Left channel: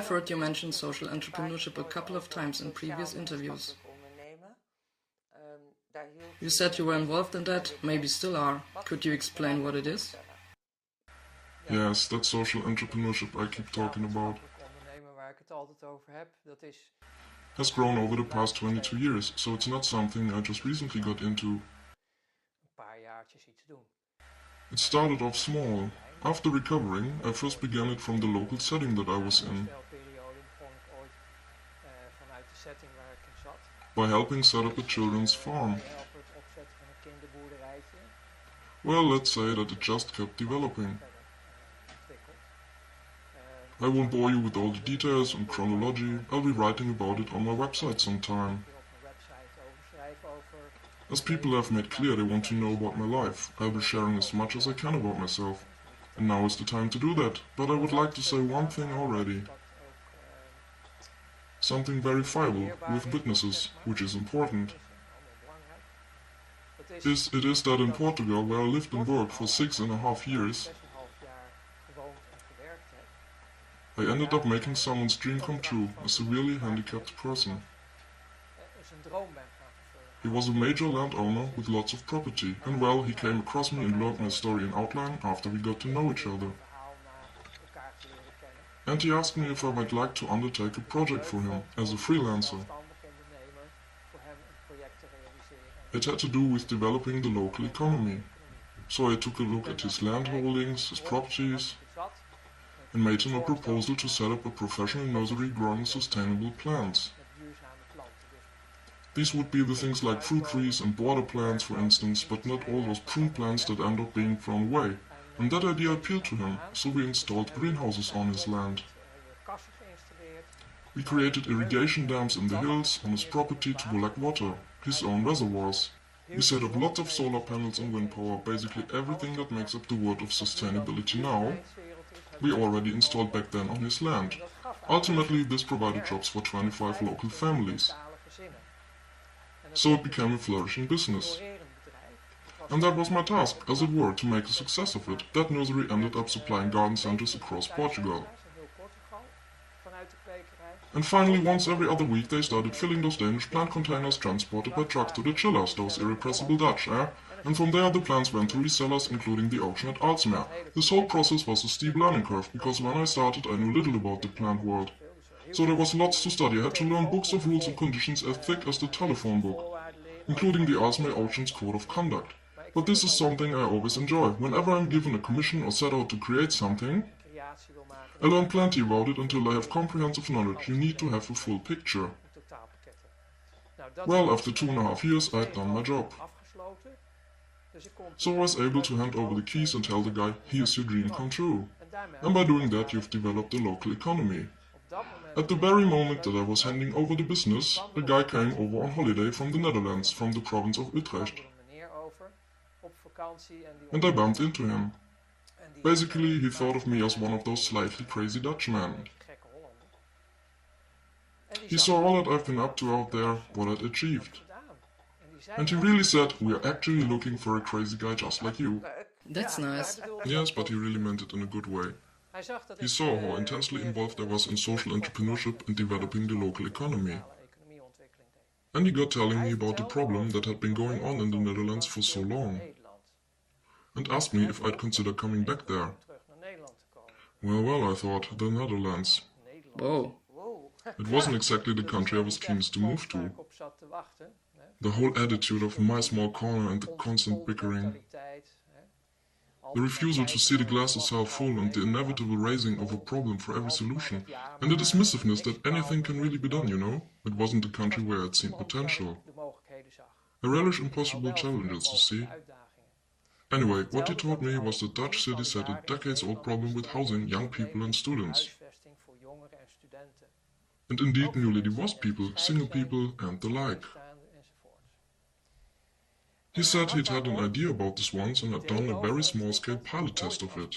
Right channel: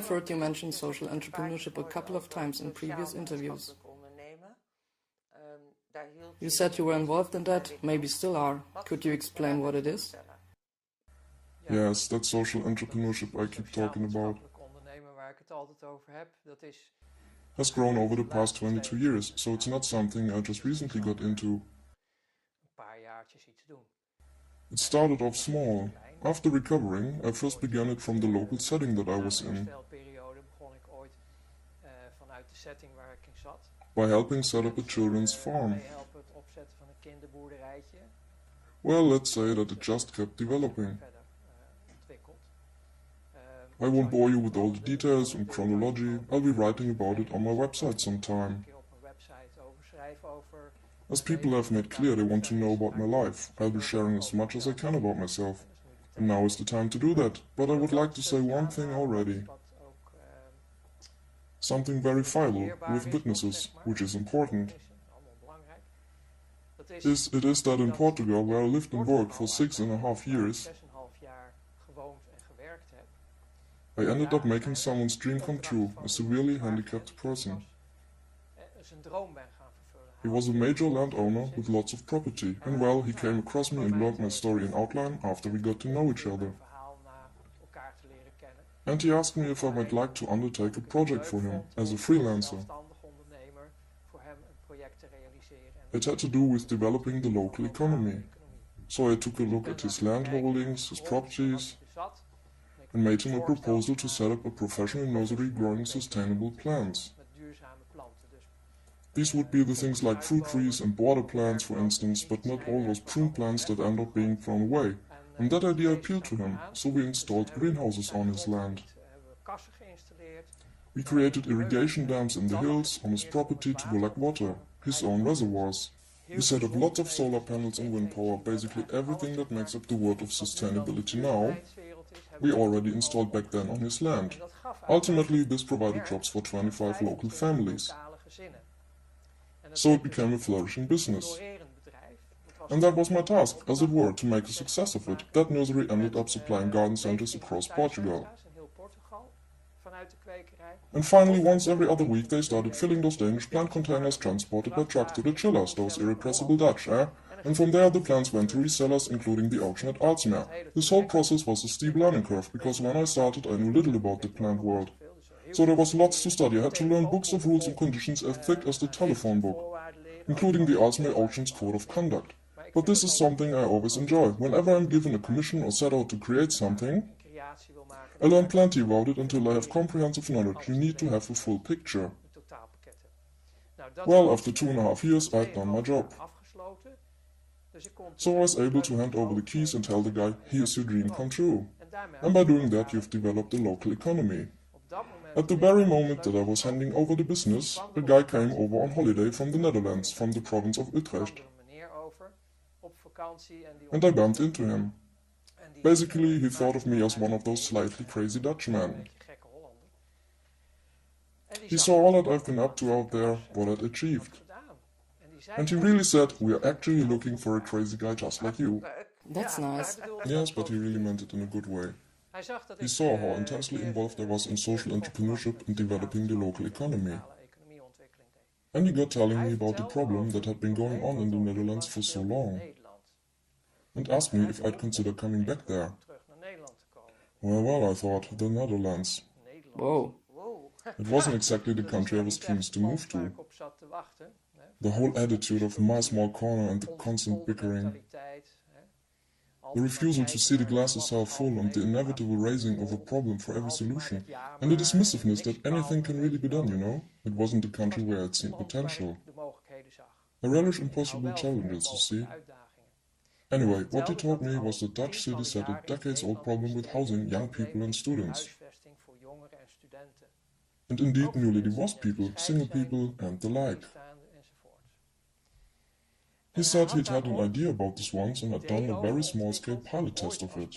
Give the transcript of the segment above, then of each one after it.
I've heard you mention social entrepreneurship a couple of times in previous interviews. You said you were involved in that, maybe still are. Could you explain what it is? Yes, that social entrepreneurship I keep talking about has grown over the past 22 years, so it's not something I just recently got into. It started off small. After recovering, I first began it from the local setting that I was in, by helping set up a children's farm. Well, let's say that it just kept developing. I won't bore you with all the details and chronology, I'll be writing about it on my website sometime. As people have made clear they want to know about my life, I'll be sharing as much as I can about myself. And now is the time to do that, but I would like to say one thing already. Something verifiable, with witnesses, which is important. It is that in Portugal, where I lived and worked for 6.5 years, I ended up making someone's dream come true, a severely handicapped person. He was a major landowner with lots of property, and well, he came across me and learned my story in outline after we got to know each other. And he asked me if I would like to undertake a project for him, as a freelancer. It had to do with developing the local economy. So I took a look at his land holdings, his properties, and made him a proposal to set up a professional nursery growing sustainable plants. These would be the things like fruit trees and border plants, for instance, but not all those prune plants that end up being thrown away. And that idea appealed to him, so we installed greenhouses on his land. We created irrigation dams in the hills on his property to collect water, his own reservoirs. We set up lots of solar panels and wind power, basically everything that makes up the word of sustainability now, we already installed back then on his land. Ultimately, this provided jobs for 25 local families. So it became a flourishing business. And that was my task, as it were, to make a success of it. That nursery ended up supplying garden centers across Portugal. And finally, once every other week, they started filling those Danish plant containers transported by truck to the chillers, those irrepressible Dutch, And from there the plants went to resellers, including the auction at Aalsmeer. This whole process was a steep learning curve, because when I started I knew little about the plant world. So there was lots to study. I had to learn books of rules and conditions as thick as the telephone book, including the Aalsmeer Auction's Code of Conduct. But this is something I always enjoy. Whenever I'm given a commission or set out to create something, I learn plenty about it until I have comprehensive knowledge. You need to have a full picture. Well, after 2.5 years, I had done my job. So I was able to hand over the keys and tell the guy, here's your dream come true. And by doing that, you've developed a local economy. At the very moment that I was handing over the business, the guy came over on holiday from the Netherlands, from the province of Utrecht. And I bumped into him. Basically, he thought of me as one of those slightly crazy Dutchmen. He saw all that I've been up to out there, what I'd achieved. And he really said, we're actually looking for a crazy guy just like you. That's nice. Yes, but he really meant it in a good way. He saw how intensely involved I was in social entrepreneurship and developing the local economy. And he got telling me about the problem that had been going on in the Netherlands for so long, and asked me if I'd consider coming back there. Well, I thought, the Netherlands. Whoa. It wasn't exactly the country I was keenest to move to. The whole attitude of my small corner and the constant bickering. The refusal to see the glass as half full and the inevitable raising of a problem for every solution. And the dismissiveness that anything can really be done, you know? It wasn't a country where I'd seen potential. I relish impossible challenges, you see. Anyway, what he told me was that Dutch cities had a decades-old problem with housing young people and students. And indeed newly divorced people, single people and the like. He said he'd had an idea about this once and had done a very small-scale pilot test of it.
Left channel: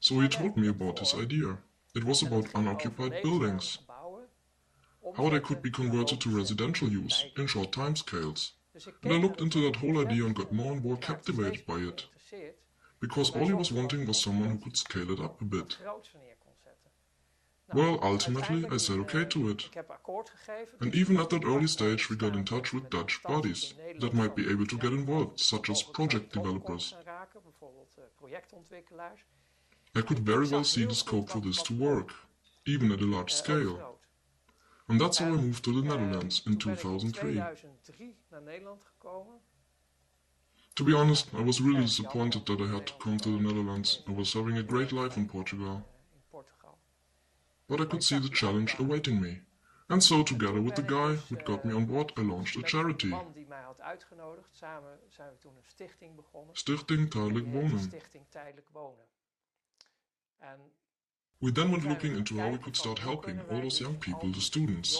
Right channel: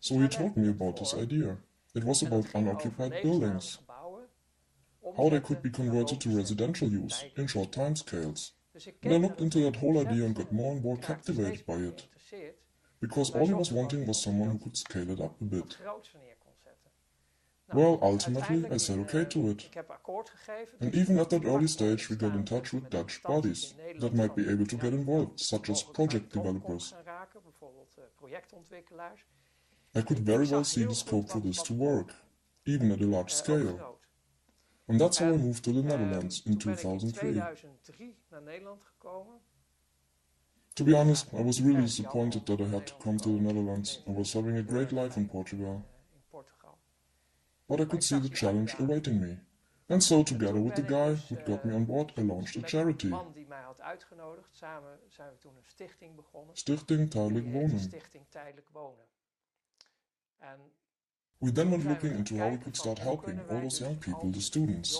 So he told me about his idea. It was about unoccupied buildings. How they could be converted to residential use in short timescales. And I looked into that whole idea and got more and more captivated by it. because all he was wanting was someone who could scale it up a bit. groots neer kon zetten. Well, ultimately, I said okay to it. Ik heb akkoord gegeven. And even at that early stage, we got in touch with Dutch bodies that might be able to get involved, such as project developers. Bijvoorbeeld projectontwikkelaars. I could very well see the scope for this to work, even at a large scale. And that's how I moved to the Netherlands in 2003. Naar Nederland gekomen. To be honest, I was really disappointed that I had to come to the Netherlands. I was having a great life in Portugal. But I could see the challenge awaiting me. And so, together with the guy who got me on board, I launched a charity. Stichting Tijdelijk Wonen. Stichting Tijdelijk Wonen. We then went looking into how we could start helping all those young people, the students.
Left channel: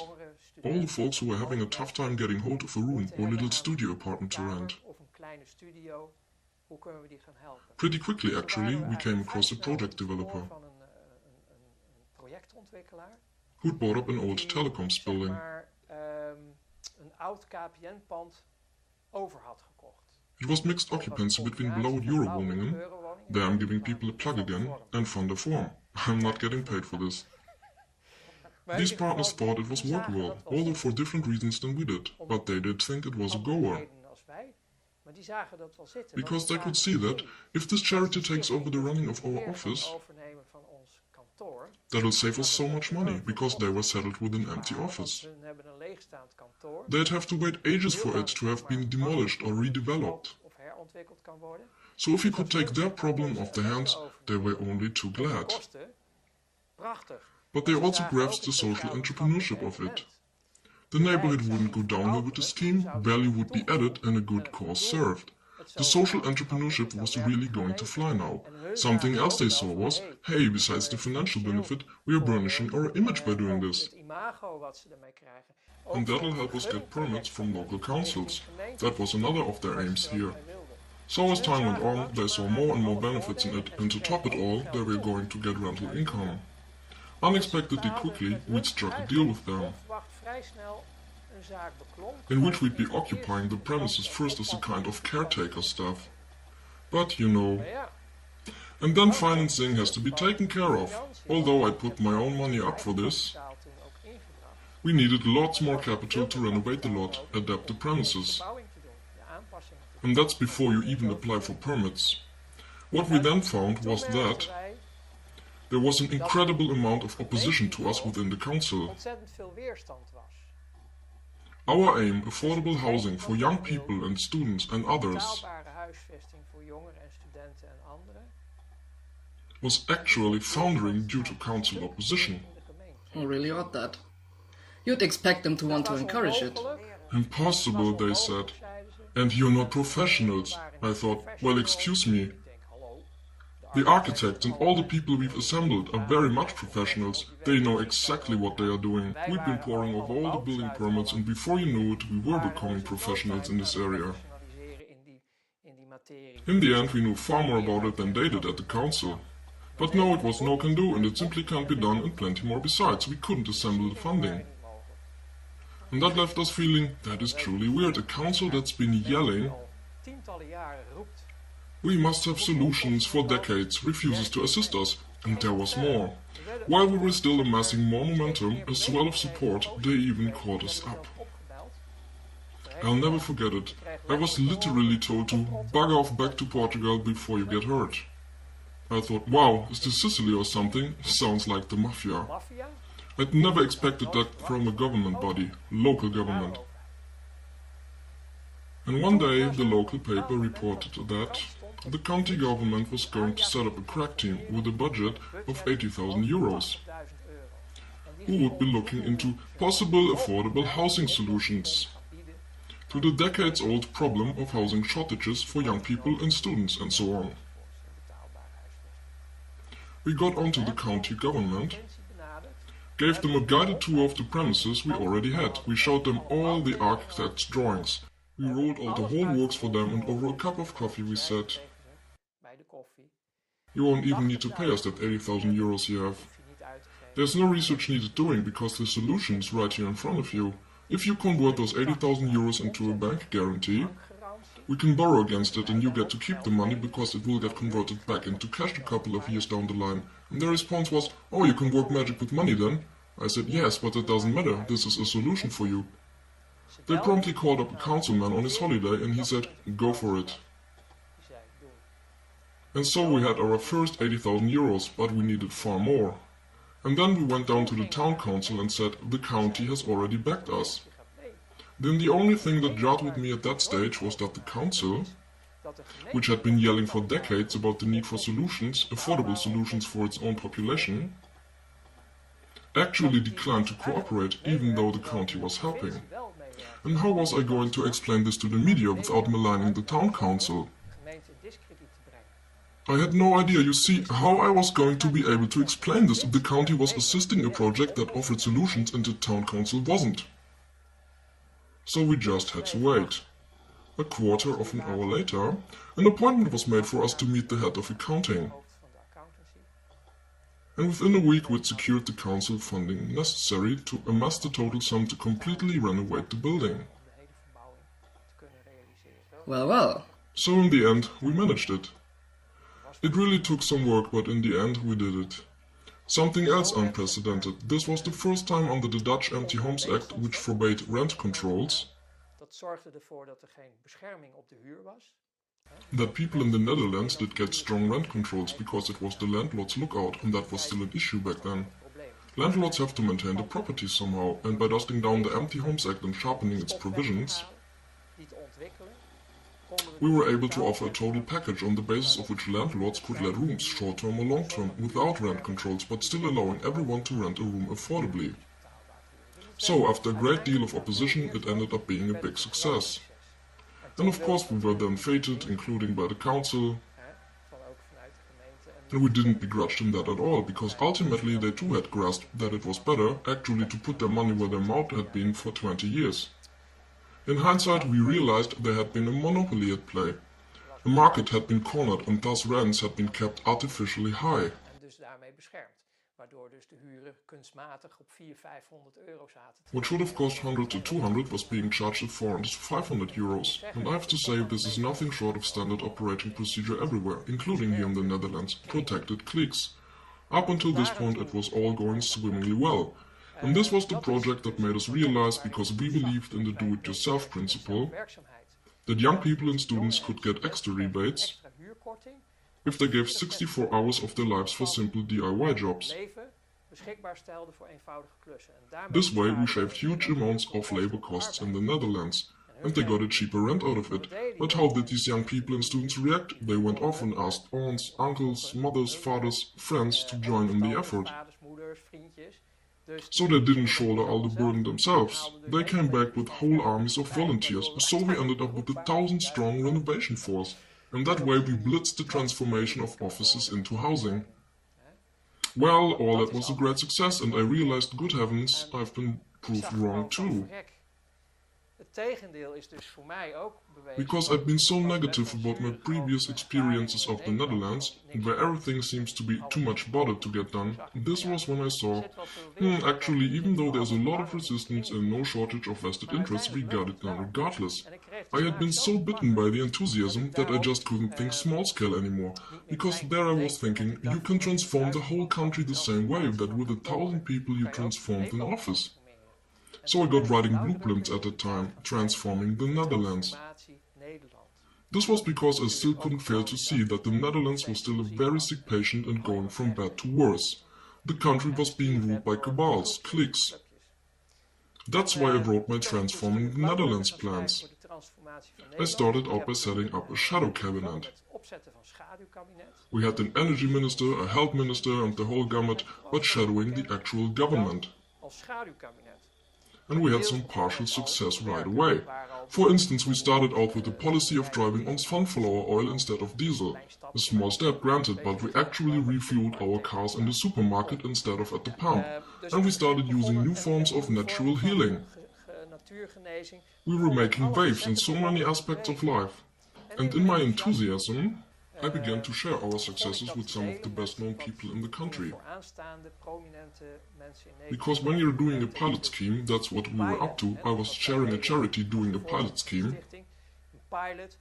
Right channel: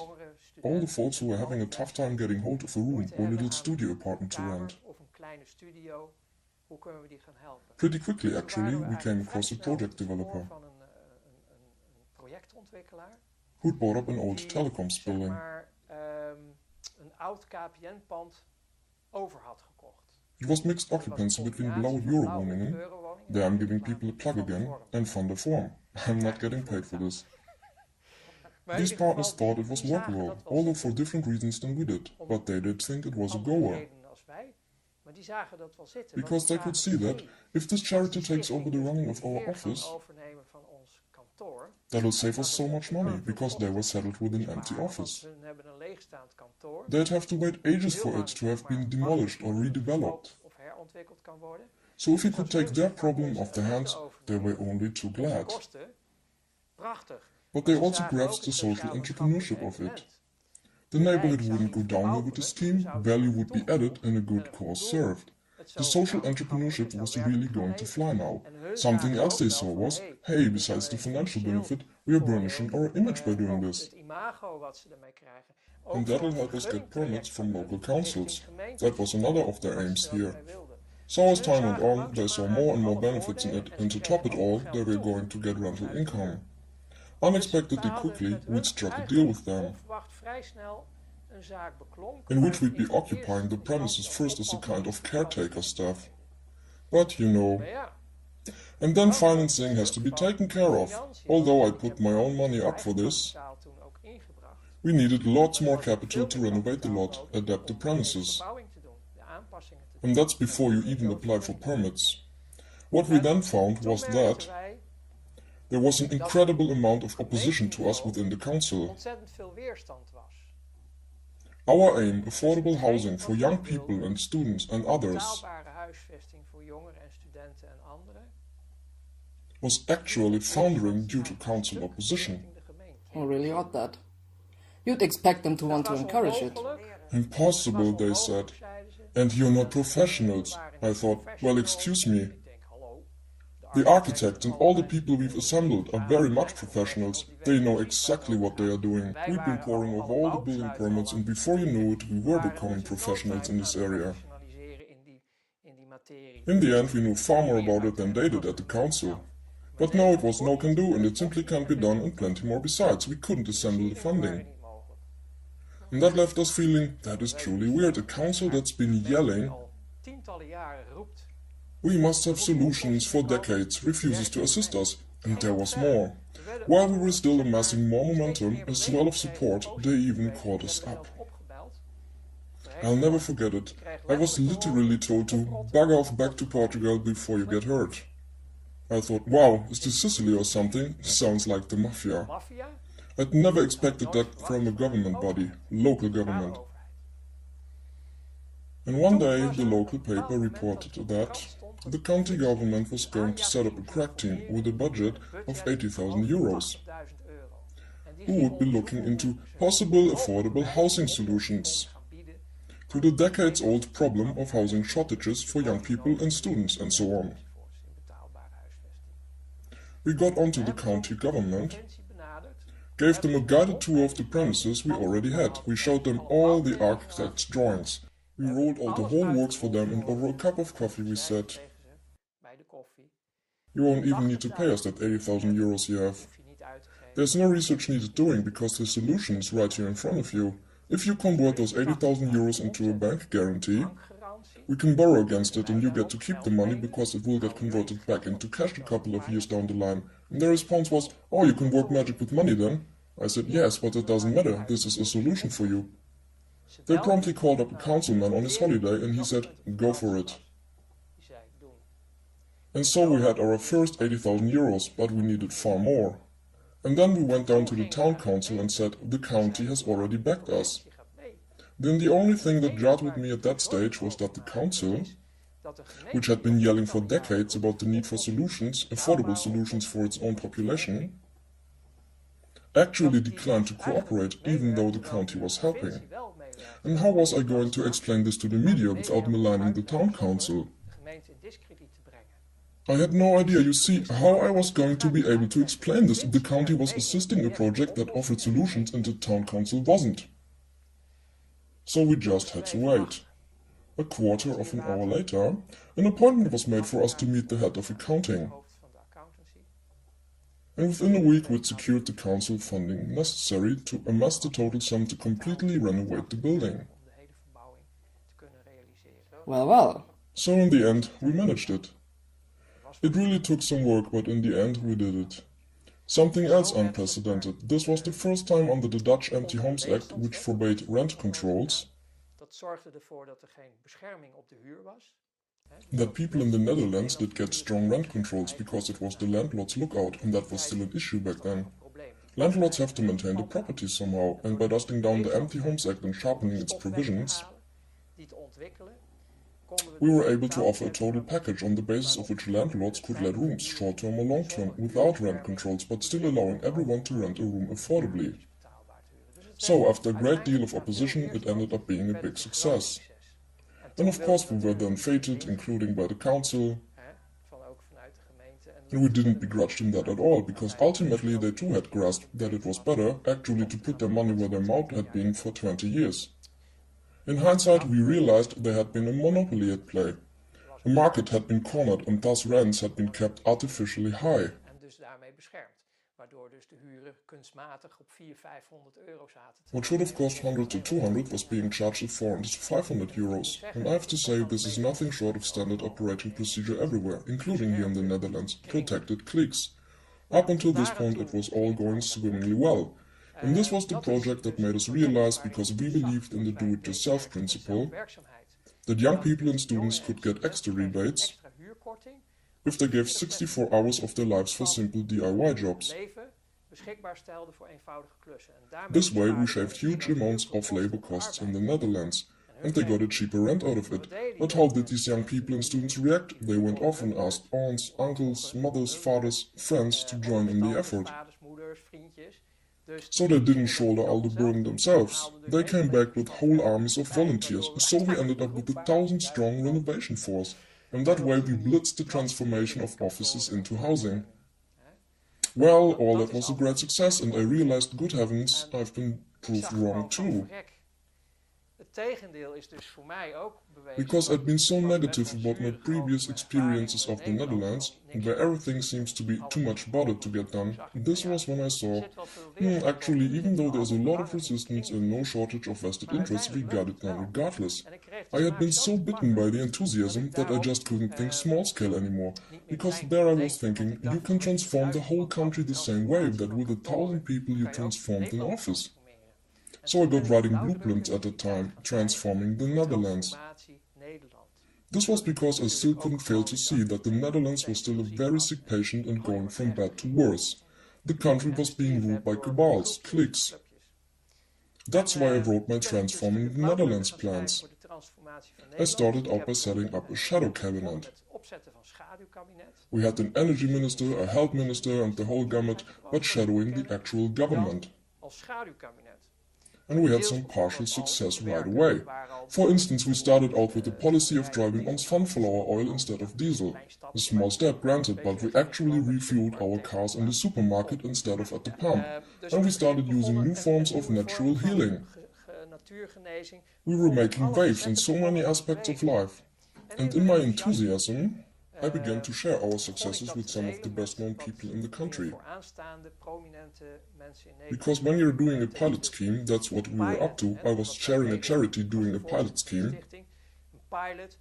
All the folks who were having a tough time getting hold of a room or a little studio apartment to rent. Pretty quickly, actually, we came across a project developer who'd bought up an old telecoms building. It was mixed occupancy between below Eurowoningen, there I'm giving people a plug again, and Van der Form. I'm not getting paid for this. These partners thought it was workable, although for different reasons than we did, but they did think it was a goer. Because they could see that, if this charity takes over the running of our office, that'll save us so much money, because they were settled with an empty office. They'd have to wait ages for it to have been demolished or redeveloped. So if we could take their problem off their hands, they were only too glad. But they also grasped the social entrepreneurship of it. The neighborhood wouldn't go downhill with the scheme, value would be added and a good cause served. The social entrepreneurship was really going to fly now. Something else they saw was, hey, besides the financial benefit, we are burnishing our image by doing this. And that'll help us get permits from local councils. That was another of their aims here. So as time went on, they saw more and more benefits in it, and to top it all, they were going to get rental income. Unexpectedly quickly, we'd struck a deal with them, in which we'd be occupying the premises first as a kind of caretaker staff. But, you know. And then financing has to be taken care of. Although I put my own money up for this, we needed lots more capital to renovate the lot, adapt the premises. And that's before you even apply for permits. What we then found was that there was an incredible amount of opposition to us within the council. Our aim, affordable housing for young people and students and others, was actually foundering due to council opposition. Oh, really odd that. You'd expect them to want to encourage it. Impossible, they said. And you're not professionals. I thought, well, excuse me. The architects and all the people we've assembled are very much professionals. They know exactly what they are doing. We've been poring over all the building permits, and before you knew it, we were becoming professionals in this area. In the end, we knew far more about it than they did at the council. But no, it was no can do, and it simply can't be done, and plenty more besides. We couldn't assemble the funding. And that left us feeling, that is truly weird. A council that's been yelling, we must have solutions for decades, refuses to assist us, and there was more. While we were still amassing more momentum, a swell of support, they even called us up. I'll never forget it. I was literally told to bug off back to Portugal before you get hurt. I thought, wow, is this Sicily or something? Sounds like the mafia. I'd never expected that from a government body, local government. And one day the local paper reported that the county government was going to set up a crack team with a budget of 80,000 euros, who would be looking into possible affordable housing solutions to the decades-old problem of housing shortages for young people and students and so on. We got onto the county government, gave them a guided tour of the premises we already had. We showed them all the architect's drawings. We rolled out the whole works for them, and over a cup of coffee we said, you won't even need to pay us that 80,000 euros you have. There's no research needed doing, because the solution is right here in front of you. If you convert those 80,000 euros into a bank guarantee, We can borrow against it and you get to keep the money because it will get converted back into cash a couple of years down the line. And their response was, oh, you can work magic with money then? I said, yes, but it doesn't matter, this is a solution for you. They promptly called up a councilman on his holiday and he said, go for it. And so we had our first 80,000 euros, but we needed far more. And then we went down to the town council and said, the county has already backed us. Then the only thing that jarred with me at that stage was that the council, which had been yelling for decades about the need for solutions, affordable solutions for its own population, actually declined to cooperate even though the county was helping. And how was I going to explain this to the media without maligning the town council? I had no idea, you see, how I was going to be able to explain this if the county was assisting a project that offered solutions and the town council wasn't. So we just had to wait. A quarter of an hour later, an appointment was made for us to meet the head of accounting. And within a week we'd secured the council funding necessary to amass the total sum to completely renovate the building. Well. So in the end, we managed it. It really took some work, but in the end we did it. Something else unprecedented. This was the first time under the Dutch Empty Homes Act, which forbade rent controls, that people in the Netherlands did get strong rent controls because it was the landlord's lookout, and that was still an issue back then. Landlords have to maintain the property somehow, and by dusting down the Empty Homes Act and sharpening its provisions, we were able to offer a total package on the basis of which landlords could let rooms, short-term or long-term, without rent controls, but still allowing everyone to rent a room affordably. So, after a great deal of opposition, it ended up being a big success. And of course we were then feted, including by the council, and we didn't begrudge them that at all, because ultimately they too had grasped that it was better, actually, to put their money where their mouth had been for 20 years. In hindsight, we realized there had been a monopoly at play. The market had been cornered and thus rents had been kept artificially high. What should have cost 100 to 200 was being charged at 400 to 500 euros. And I have to say, this is nothing short of standard operating procedure everywhere, including here in the Netherlands, protected cliques. Up until this point it was all going swimmingly well. And this was the project that made us realize, because we believed in the do-it-yourself principle, that young people and students could get extra rebates if they gave 64 hours of their lives for simple DIY jobs. This way we shaved huge amounts of labor costs in the Netherlands, and they got a cheaper rent out of it. But how did these young people and students react? They went off and asked aunts, uncles, mothers, fathers, friends to join in the effort. So they didn't shoulder all the burden themselves. They came back with whole armies of volunteers, so we ended up with a 1,000-strong renovation force. And that way we blitzed the transformation of offices into housing. Well, all that was a great success, and I realized, good heavens, I've been proved wrong too. Because I've been so negative about my previous experiences of the Netherlands, where everything seems to be too much bother to get done, this was when I saw, actually, even though there's a lot of resistance and no shortage of vested interests, we got it done regardless. I had been so bitten by the enthusiasm that I just couldn't think small scale anymore, because there I was thinking, you can transform the whole country the same way that with 1,000 people you transformed an office. So I got writing blueprints at the time, transforming the Netherlands. This was because I still couldn't fail to see that the Netherlands was still a very sick patient and going from bad to worse. The country was being ruled by cabals, cliques. That's why I wrote my Transforming the Netherlands plans. I started out by setting up a shadow cabinet. We had an energy minister, a health minister and the whole gamut, but shadowing the actual government. And we had some partial success right away. For instance, we started out with the policy of driving on sunflower oil instead of diesel. A small step, granted, but we actually refueled our cars in the supermarket instead of at the pump. And we started using new forms of natural healing. We were making waves in so many aspects of life. And in my enthusiasm, I began to share our successes with some of the best-known people in the country. Because when you're doing a pilot scheme, that's what we were up to. I was chairing a charity doing a pilot scheme. pilot,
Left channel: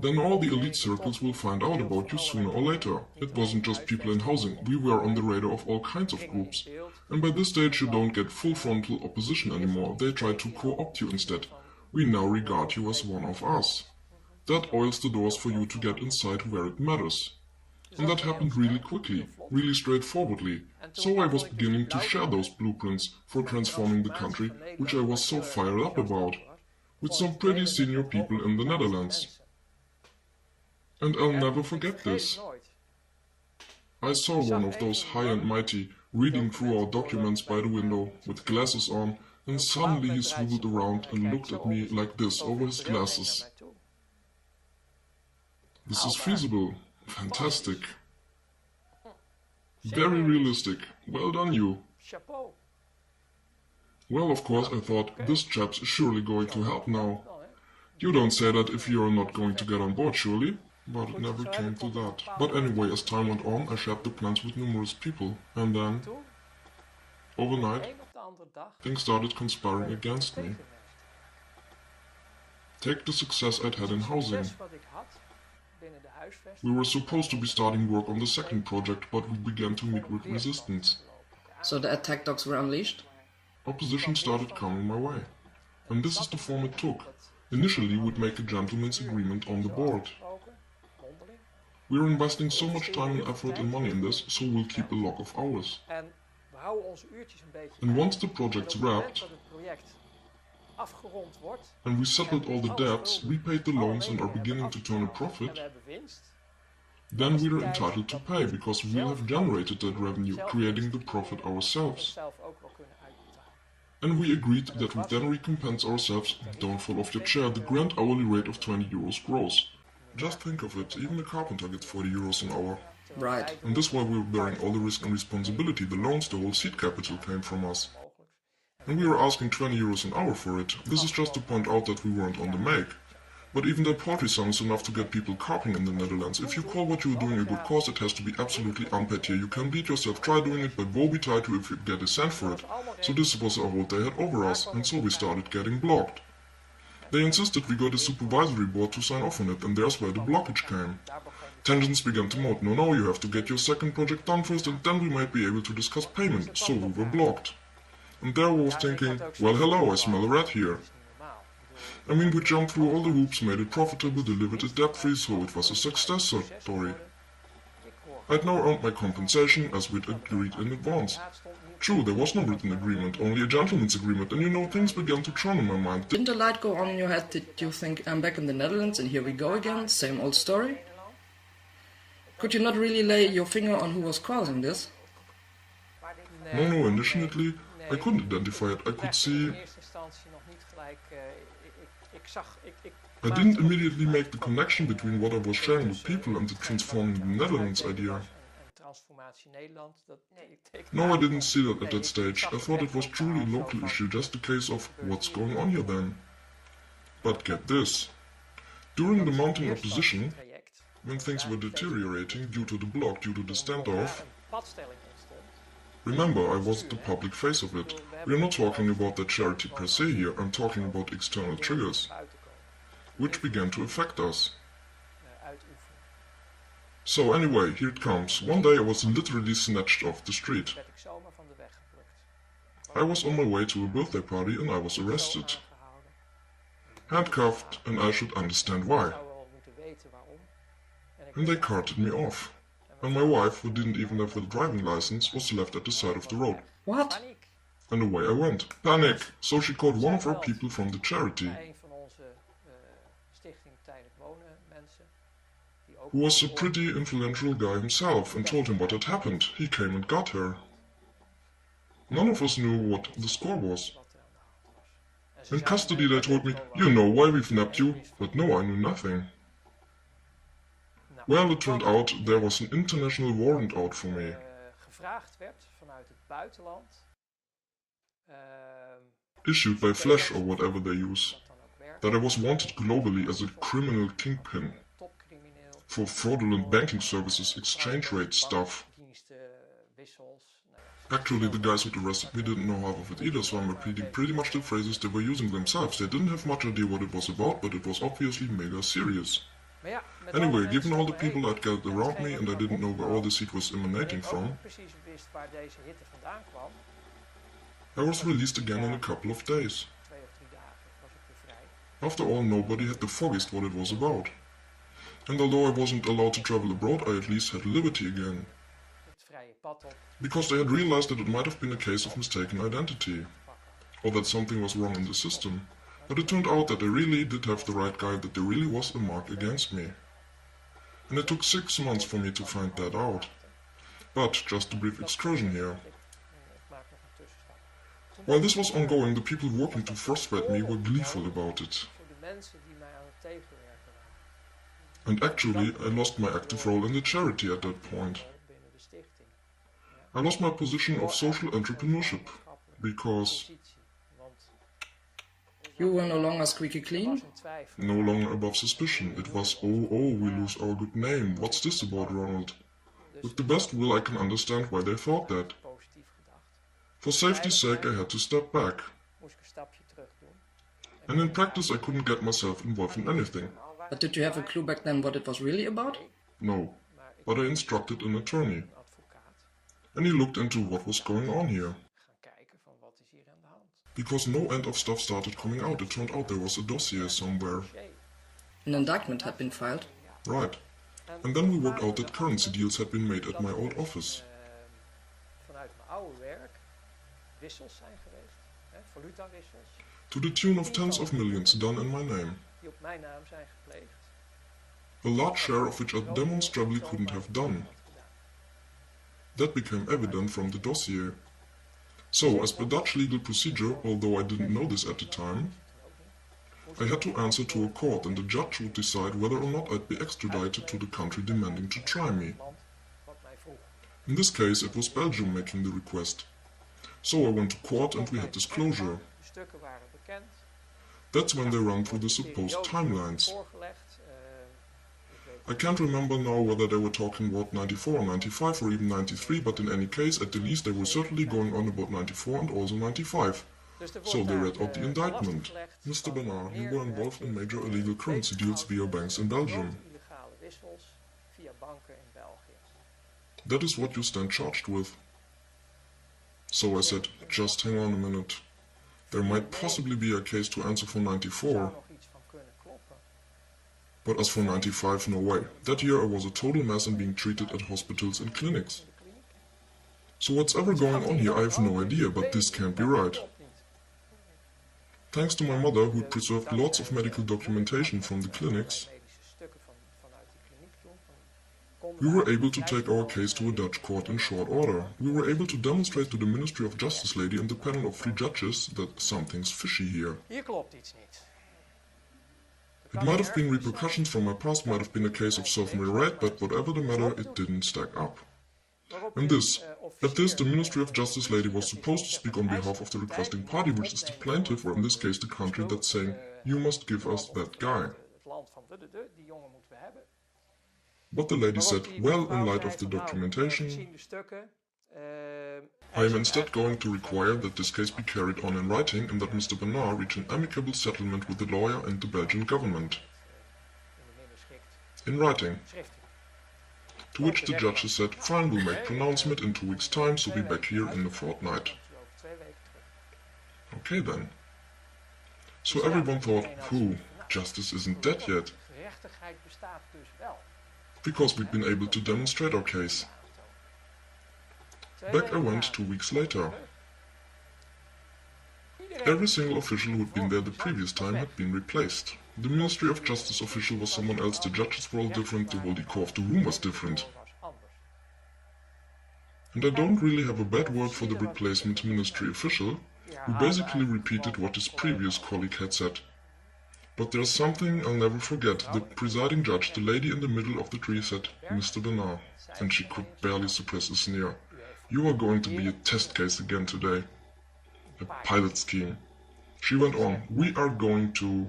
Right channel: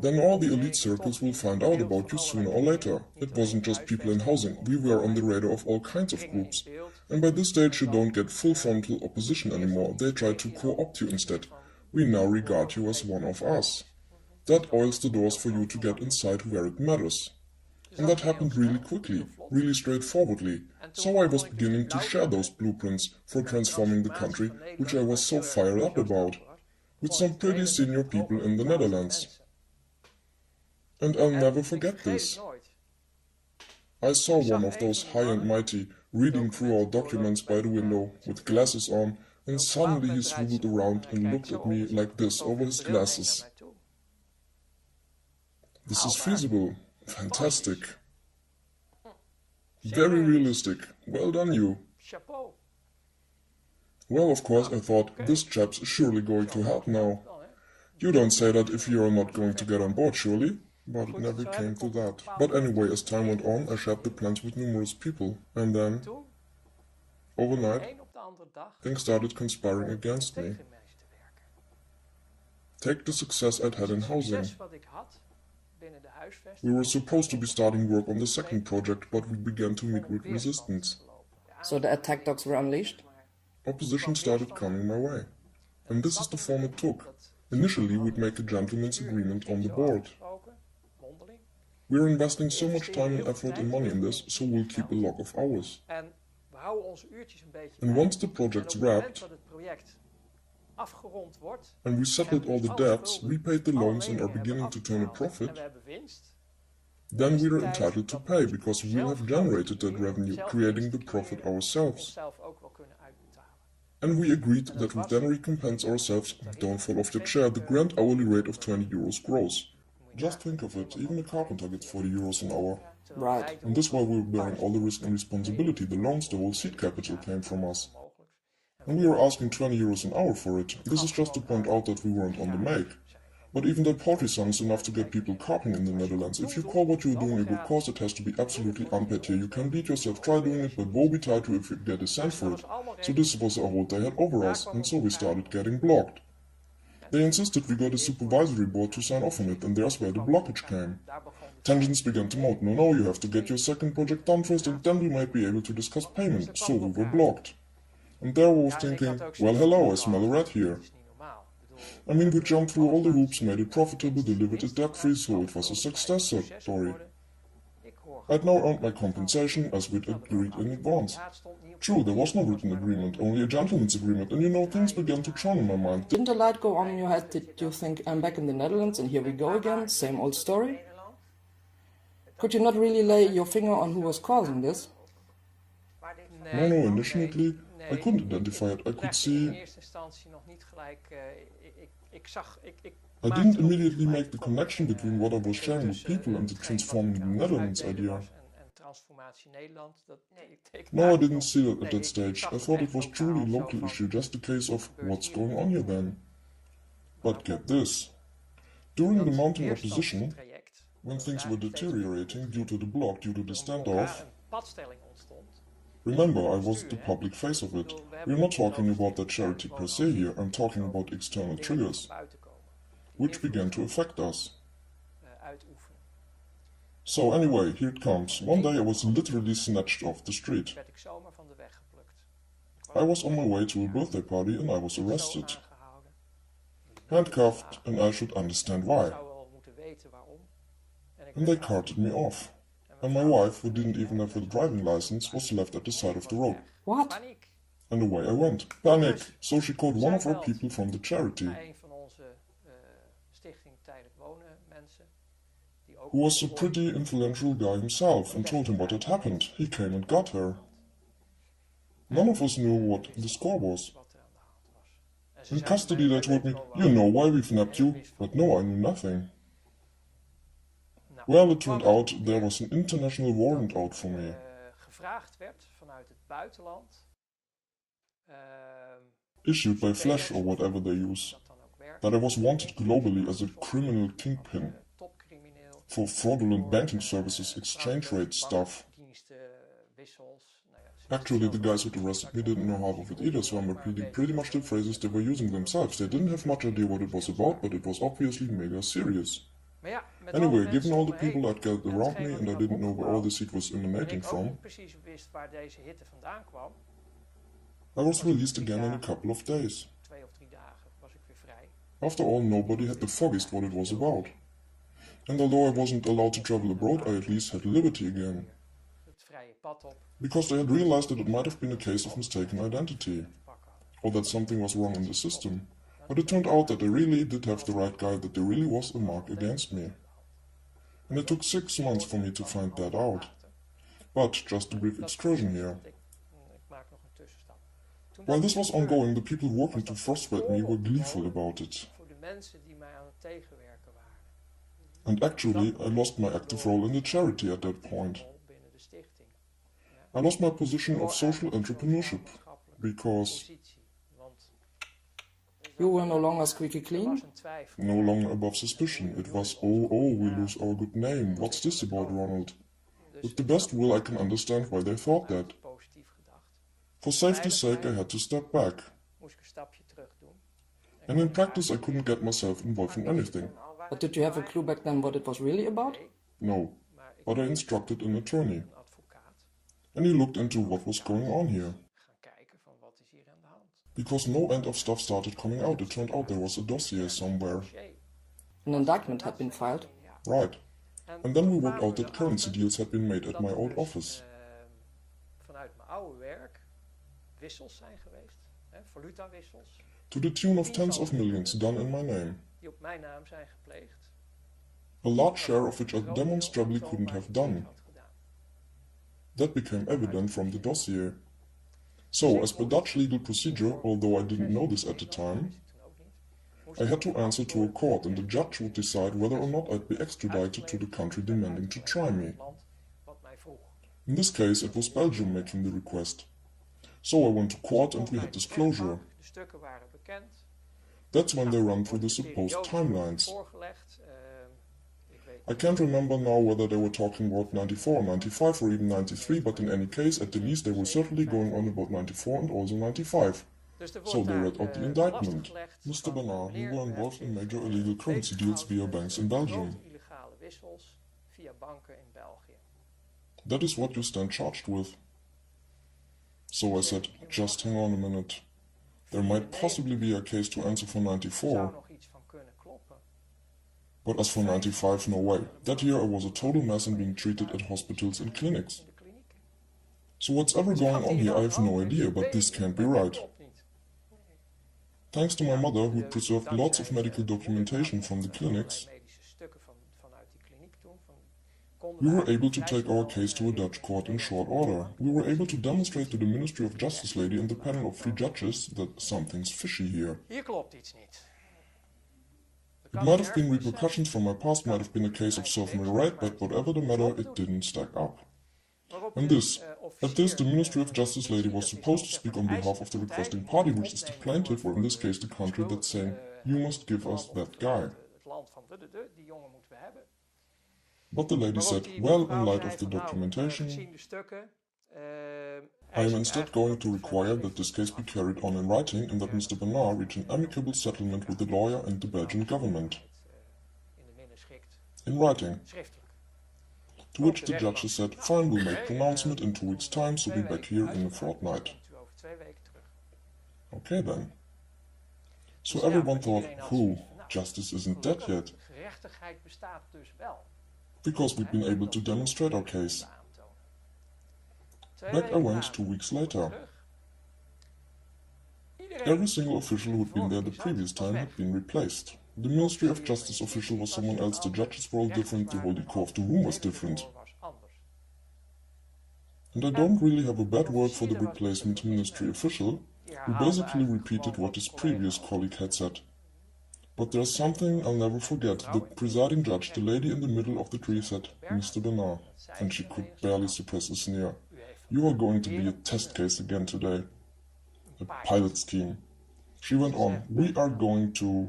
then all the elite circles will find out about you sooner or later. It wasn't just people in housing, we were on the radar of all kinds of groups. And by this stage you don't get full frontal opposition anymore, they try to co-opt you instead. We now regard you as one of us. That oils the doors for you to get inside where it matters. And that happened really quickly, really straightforwardly, so I was beginning to share those blueprints for transforming the country, which I was so fired up about, with some pretty senior people in the Netherlands. And I'll never forget this. I saw one of those high and mighty reading through our documents by the window, with glasses on, and suddenly he swiveled around and looked at me like this over his glasses. This is feasible. Fantastic. Very realistic. Well done, you. Well, of course, I thought, this chap's surely going to help now. You don't say that if you are not going to get on board, surely? But it never came to that. But anyway, as time went on, I shared the plans with numerous people. And then, overnight, things started conspiring against me. Take the success I'd had in housing. We were supposed to be starting work on the second project, but we began to meet with resistance. So the attack dogs were unleashed? Opposition started coming my way. And this is the form it took. Initially, we'd make a gentleman's agreement on the board. We're investing so much time and effort and money in this, so we'll keep a log of hours. And once the project's wrapped, and we settled all the debts, repaid the loans and are beginning to turn a profit, then we are entitled to pay, because we have generated that revenue, creating the profit ourselves. And we agreed that we then recompense ourselves, don't fall off your chair, the grand hourly rate of 20 euros gross. Just think of it, even a carpenter gets 40 euros an hour. Right. And this while we were bearing all the risk and responsibility, the loans, the whole seed capital came from us. And we were asking 20 euros an hour for it. This is just to point out that we weren't on the make. But even that paltry sum is enough to get people carping in the Netherlands. If you call what you are doing a good cause, it has to be absolutely unpaid here. You can beat yourself, try doing it, but woe betide you if you get a cent for it. So this was a hold they had over us, and so we started getting blocked. They insisted we got a supervisory board to sign off on it, and there's where the blockage came. Tensions began to mount. No, you have to get your second project done first, and then we might be able to discuss payment. So we were blocked. And there I was thinking, well hello, I smell a rat here. I mean, we jumped through all the hoops, made it profitable, delivered it debt-free, so it was a success story. I'd now earned my compensation, as we'd agreed in advance. True, there was no written agreement, only a gentleman's agreement, and you know, things began to churn in my mind. Didn't the light go on in your head? Did you think, I'm back in the Netherlands and here we go again, same old story? Could you not really lay your finger on who was causing this? No, initially, I couldn't identify it. I could see... I didn't immediately make the connection between what I was sharing with people and the transforming the Netherlands idea. No, I didn't see that at that stage. I thought it was truly a local issue, just a case of what's going on here then. But get this. During the mounting opposition, when things were deteriorating due to the block, due to the standoff, remember, I was the public face of it. We're not talking about the charity per se here, I'm talking about external triggers, which began to affect us. So anyway, here it comes. One day I was literally snatched off the street. I was on my way to a birthday party and I was arrested. Handcuffed, and I should understand why. And they carted me off. And my wife, who didn't even have a driving license, was left at the side of the road. What? And away I went. Panic! So she called one of our people from the charity, who was a pretty influential guy himself, and told him what had happened. He came and got her. None of us knew what the score was. In custody they told me, you know why we've nabbed you, but no, I knew nothing. Well, it turned out there was an international warrant out for me. Issued by Flash or whatever they use. That I was wanted globally as a criminal kingpin. For fraudulent banking services, exchange rate stuff. Actually, the guys who arrested me didn't know half of it either, so I'm repeating pretty much the phrases they were using themselves. They didn't have much idea what it was about, but it was obviously mega serious. Maar ja, met Anyway, alle given mensen all the om me heen, people I'd gathered around me and I didn't know where all this heat was en emanating ik ook from, niet precies wist waar deze hitte vandaan kwam, I was released again in a couple of days. 2 of 3 dagen was ik weer vrij. After all, nobody had the foggiest what it was about. And although I wasn't allowed to travel abroad, I at least had liberty again. Het vrije pad op Because they had realized that it might have been a case of mistaken identity, pakken. or that something was wrong in the system. But it turned out that they really did have the right guy, that there really was a mark against me. And it took 6 months for me to find that out. But, just a brief excursion here. Ik maak nog een tussenstap. While this was ongoing, the people working to frustrate me were gleeful about it. Voor de mensen die mij aan het tegenwerken waren. And actually, I lost my active role in the charity at that point. Binnen de stichting. I lost my position of social entrepreneurship, because Positie. Want You were no longer squeaky er clean? was een twijfel. no longer above suspicion. It was, oh, we lose our good name. What's this about, Ronald? With the best will, I can understand why they thought that. Positief gedacht. For safety's sake, I had to step back. Moest ik een stapje terug doen. And in practice, I couldn't get myself involved in anything. But did you have a clue back then what it was really about? No. Maar ik But I instructed an attorney, een advocaat and he looked into what was going on here. gaan kijken van wat is hier aan de hand. Because no end of stuff started coming out, it turned out there was a dossier somewhere. Dossier. An indictment had been filed. Ja. Right. And then we worked out that currency deals had been made at my old office. Vanuit mijn oude werk wissels zijn geweest, hè, valutawissels, To the tune of tens of millions done in my name. die op mijn naam zijn gepleegd. A large share of which I demonstrably couldn't have done. Had gedaan. That became evident from the dossier. So, as per Dutch legal procedure, although I didn't know this at the time, Toen ook niet. I had to answer to a court and the judge would decide whether or not I'd be extradited to the country demanding to try me. Land wat mij vroeg. In this case, it was Belgium making the request. So I went to court and we had disclosure. De stukken waren bekend. That's when they run through the De supposed periodes worden timelines. voorgelegd. Ik weet I can't remember now whether they were talking about 94, 95 or even 93, but in any case, at the least they were certainly going on about 94 and also 95. Dus er So wordt they daar, read out the belast indictment. gelegd Mr. van, Bernard, you meneer, were u involved hebt in zich, major illegal currency deals via banks in Belgium. grote illegale wissels via banken in België. That is what you stand charged with. So I said, just hang on a minute. There might possibly be a case to answer for Er 94, zou nog iets van kunnen kloppen. but as for 95, no way. That year I was a total mess and being treated at hospitals and clinics. In de kliniek. So what's ever going on here, I have no idea, but this can't be right. Klopt niet. Thanks to my mother, who preserved lots of medical documentation from the clinics, Medische stukken vanuit die kliniek toen. Konden we were wij able to vrij take our snel, case to a Dutch court in short order. We were able to demonstrate to the Ministry of Justice lady and the panel of 3 judges that something's fishy here. Hier klopt iets niet. It might have been repercussions from my past, might have been a case of self-merit, but whatever the matter, it didn't stack up. And this, at this, the Ministry of Justice lady was supposed to speak on behalf of the requesting party, which is the plaintiff, or in this case the country, that's saying, you must give us that guy. Het land van die jongen moeten we hebben. But the lady said, Waarop die well, in mevrouw light zei of the van, nou, documentation, gezien de stukken, I am instead going to require that this case be carried on in writing and that Mr. Bernard reach an amicable settlement with the lawyer and the Belgian government. in de minder schikt In writing. schriftelijk. To which the judges said, fine, we'll make pronouncement in 2 weeks' time, so be back here in a fortnight. Komt u over 2 weken terug. Okay then. So everyone thought, whew, justice isn't dead yet, Gerechtigheid bestaat dus wel. because we'd been able to demonstrate our case. Back I went 2 weeks later. Every single official who had been there the previous time had been replaced. The Ministry of Justice official was someone else, the judges were all different, the whole decor of the room was different. And I don't really have a bad word for the replacement ministry official, who basically repeated what his previous colleague had said. But there's something I'll never forget. The presiding judge, the lady in the middle of the tree, said, Mr. Bernard, and she could barely suppress a sneer. You are going to be a test case again today. A pilot scheme. She went on, we are going to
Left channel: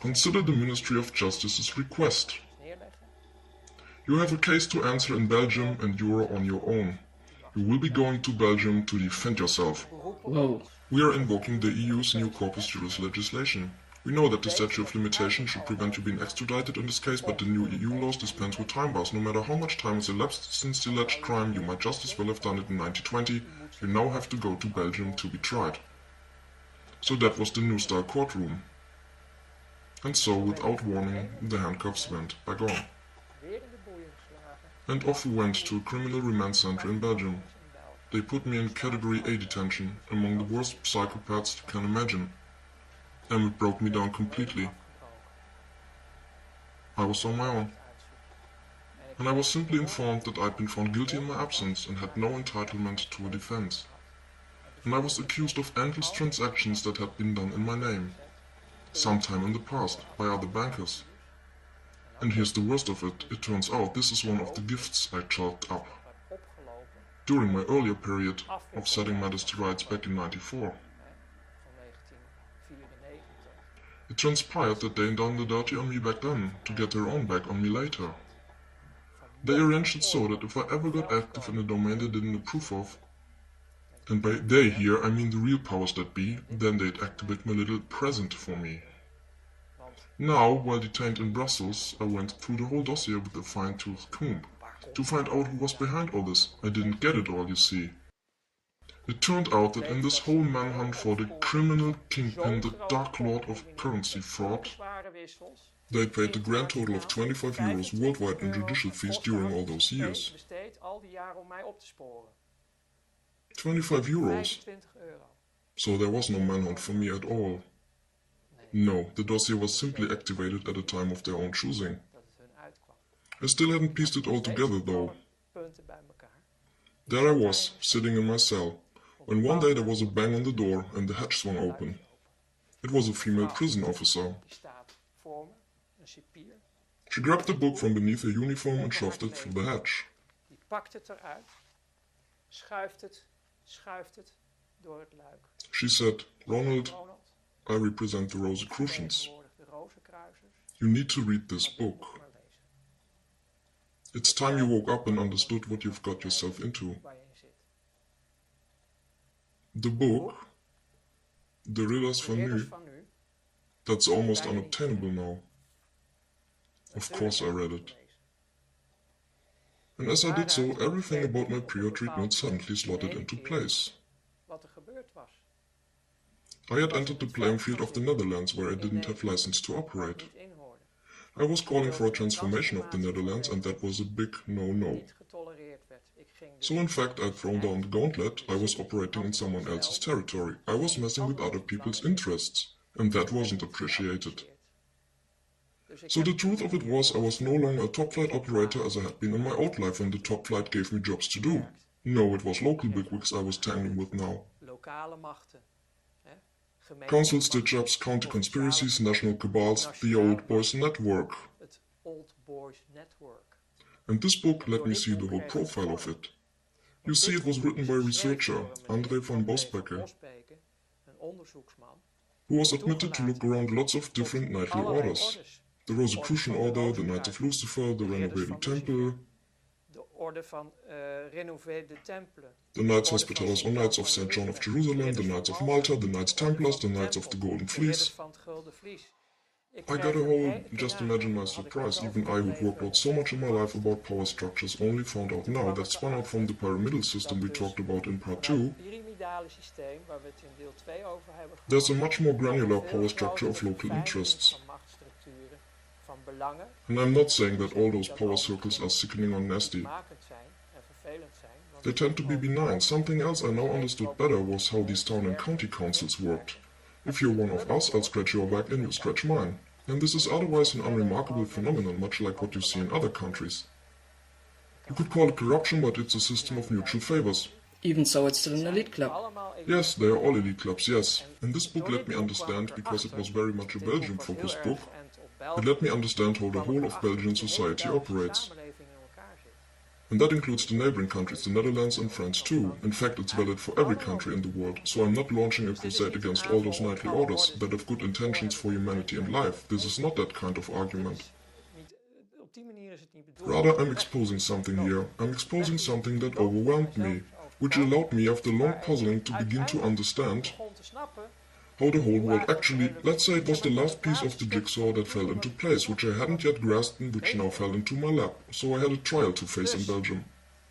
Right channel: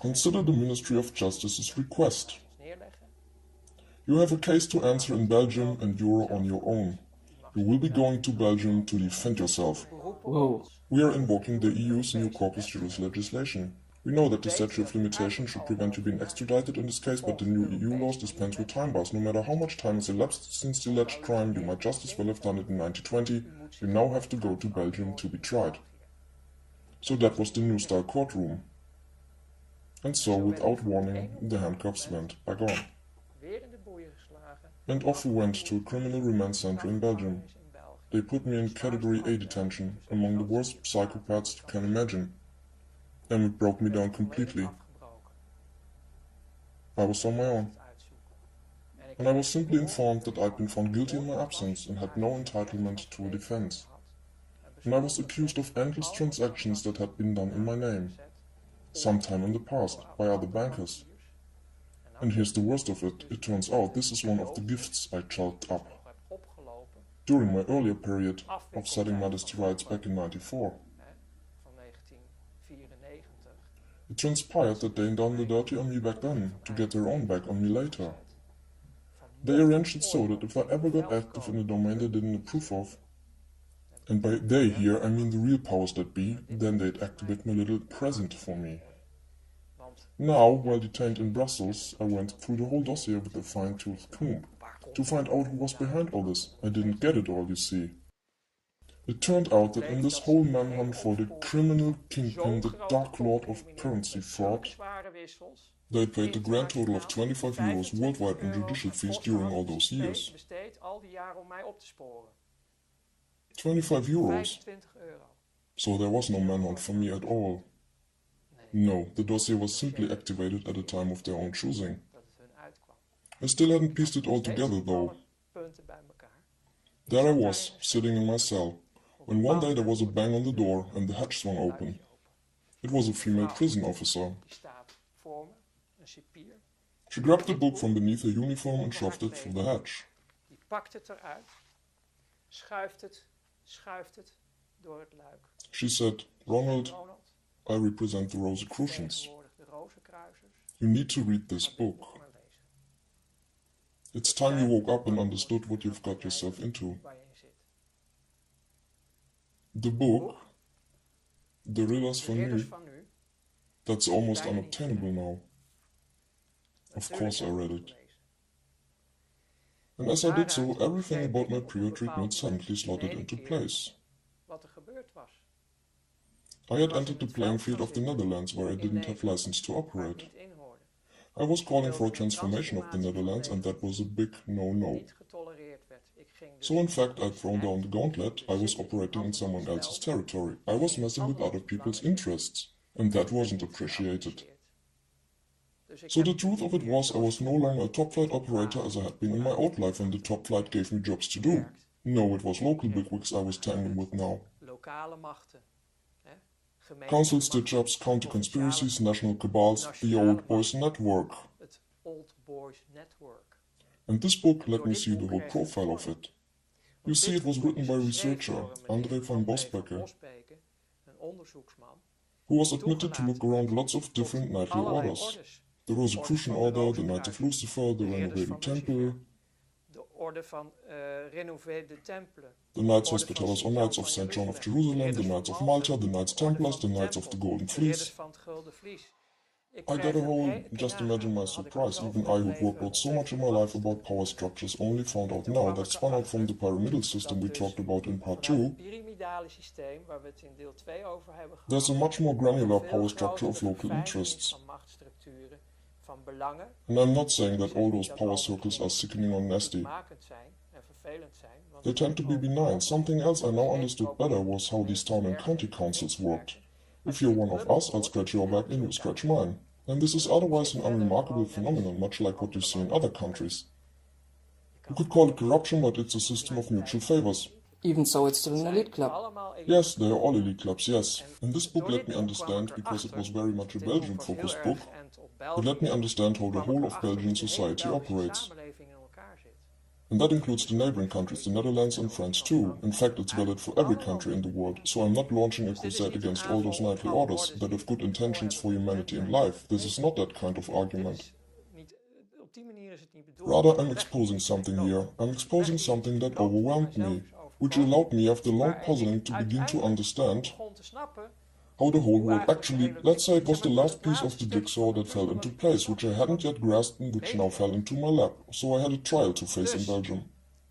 consider the Ministry of Justice's request. You have a case to answer in Belgium and you are on your own. You will be going to Belgium to defend yourself. Whoa. We are invoking the EU's new corpus juris legislation. We know that the statute of limitation should prevent you being extradited in this case, but the new EU laws dispense with time bars. No matter how much time has elapsed since the alleged crime, you might just as well have done it in 1920. You now have to go to Belgium to be tried. So that was the new style courtroom. And so, without warning, the handcuffs went back on. And off we went to a criminal remand center in Belgium. They put me in category A detention, among the worst psychopaths you can imagine. And it broke me down completely. I was on my own. And I was simply informed that I'd been found guilty in my absence and had no entitlement to a defense. And I was accused of endless transactions that had been done in my name, sometime in the past, by other bankers. And here's the worst of it, it turns out this is one of the gifts I chalked up during my earlier period of setting matters to rights back in '94. It transpired that they done the dirty on me back then, to get their own back on me later. They arranged it so that if I ever got active in a domain they didn't approve of, and by they here I mean the real powers that be, then they'd activate my little present for me. Now, while detained in Brussels, I went through the whole dossier with a fine-tooth comb, to find out who was behind all this. I didn't get it all, you see. It turned out that in this whole manhunt for the criminal kingpin, the Dark Lord of currency fraud, they paid the grand total of 25 euros worldwide in judicial fees during all those years. 25 euros? So there was no manhunt for me at all. No, the dossier was simply activated at a time of their own choosing. I still hadn't pieced it all together though. There I was, sitting in my cell, when one day there was a bang on the door and the hatch swung open. It was a female prison officer. She grabbed the book from beneath her uniform and shoved it through the hatch. She said, "Ronald, I represent the Rosicrucians. You need to read this book. It's time you woke up and understood what you've got yourself into. The book, De Ridders van Nu, that's almost unobtainable now. Of course I read it. And as I did so, everything about my prior treatment suddenly slotted into place. I had entered the playing field of the Netherlands, where I didn't have license to operate. I was calling for a transformation of the Netherlands, and that was a big no-no. So in fact, I'd thrown down the gauntlet. I was operating in someone else's territory. I was messing with other people's interests, and that wasn't appreciated. So the truth of it was, I was no longer a top-flight operator as I had been in my old life when the top flight gave me jobs to do. No, it was local bigwigs I was tangling with now. Council stitch-ups, counter-conspiracies, national cabals, the Old Boys Network. And this book let me see the whole profile of it. You see, it was written by a researcher, André van Bosbeke, who was admitted to look around lots of different knightly orders. The Rosicrucian Order, the Knights of Lucifer, the Renovated Temple, the Knights Hospitallers or Knights of St. John of Jerusalem, the Knights of Malta, the Knights Templars, the Knights of the Golden Fleece. I got a whole, just imagine my surprise, even I who'd worked out so much in my life about power structures only found out now that spun out from the pyramidal system we talked about in part 2, there's a much more granular power structure of local interests. And I'm not saying that all those power circles are sickening or nasty. They tend to be benign. Something else I now understood better was how these town and county councils worked. If you're one of us, I'll scratch your back and you scratch mine. And this is otherwise an unremarkable phenomenon, much like what you see in other countries. You could call it corruption, but it's a system of mutual favors. Even so, it's still an elite club. Yes, they are all elite clubs, yes. And this book let me understand, because it was very much a Belgium-focused book, it let me understand how the whole of Belgian society operates. And that includes the neighboring countries, the Netherlands and France too. In fact, it's valid for every country in the world, so I'm not launching a crusade against all those knightly orders that have good intentions for humanity and life. This is not that kind of argument. Rather, I'm exposing something here. I'm exposing something that overwhelmed me. which allowed me after long puzzling to begin to understand begon te snappen how the whole world actually, let's say it was the last piece of the jigsaw that fell into place, which I hadn't yet grasped and which now fell into my lap, so I had a trial to face in Belgium.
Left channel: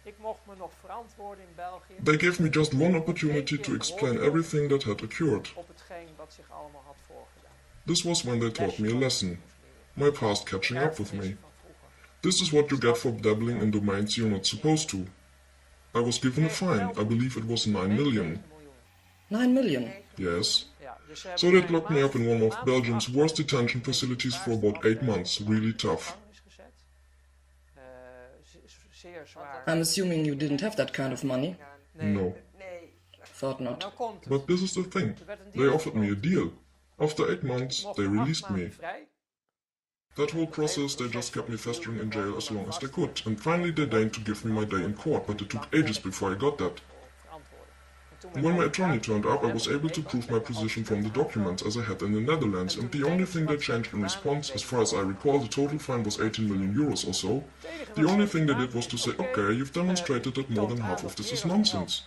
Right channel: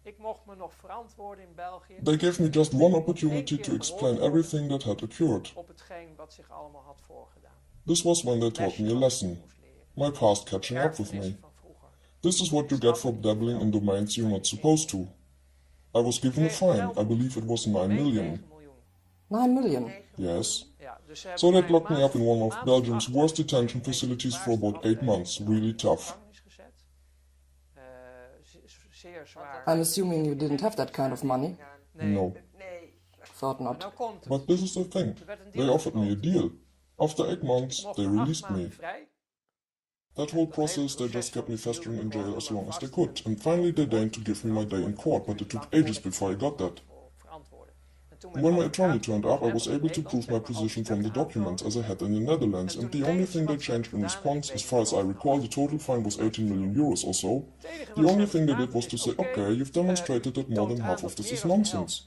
ik mocht me nog verantwoorden in België They gave me just one opportunity to explain everything that had occurred. op hetgeen wat zich allemaal had voorgedaan. This was when they taught me a lesson, my past catching up with me. Erfenissen van vroeger. This is what you get for dabbling in domains you're not supposed to. I was given a fine, I believe it was 9 million. 9 million. Yes. Ja, dus ze hebben So mij that locked me up in one of Belgium's worst detention facilities for about 8 months, really tough. gevangenis gezet. Zeer zwaar. I'm assuming you didn't have that kind of money. No. Thought Nou not. komt het. But this is the thing, Er werd een they deal offered me a gesloten. deal. After 8 months, Ik mocht they na 8 released maanden me. vrij. That whole process, they just kept me festering in jail as long as they could, and finally they deigned to give me my day in court, but it took ages before I got that. And when my attorney turned up, I was able to prove my position from the documents as I had in the Netherlands, and the only thing they changed in response, as far as I recall, the total fine was 18 million euros or so. The only thing they did was to say, okay, you've demonstrated that more than half of this is nonsense.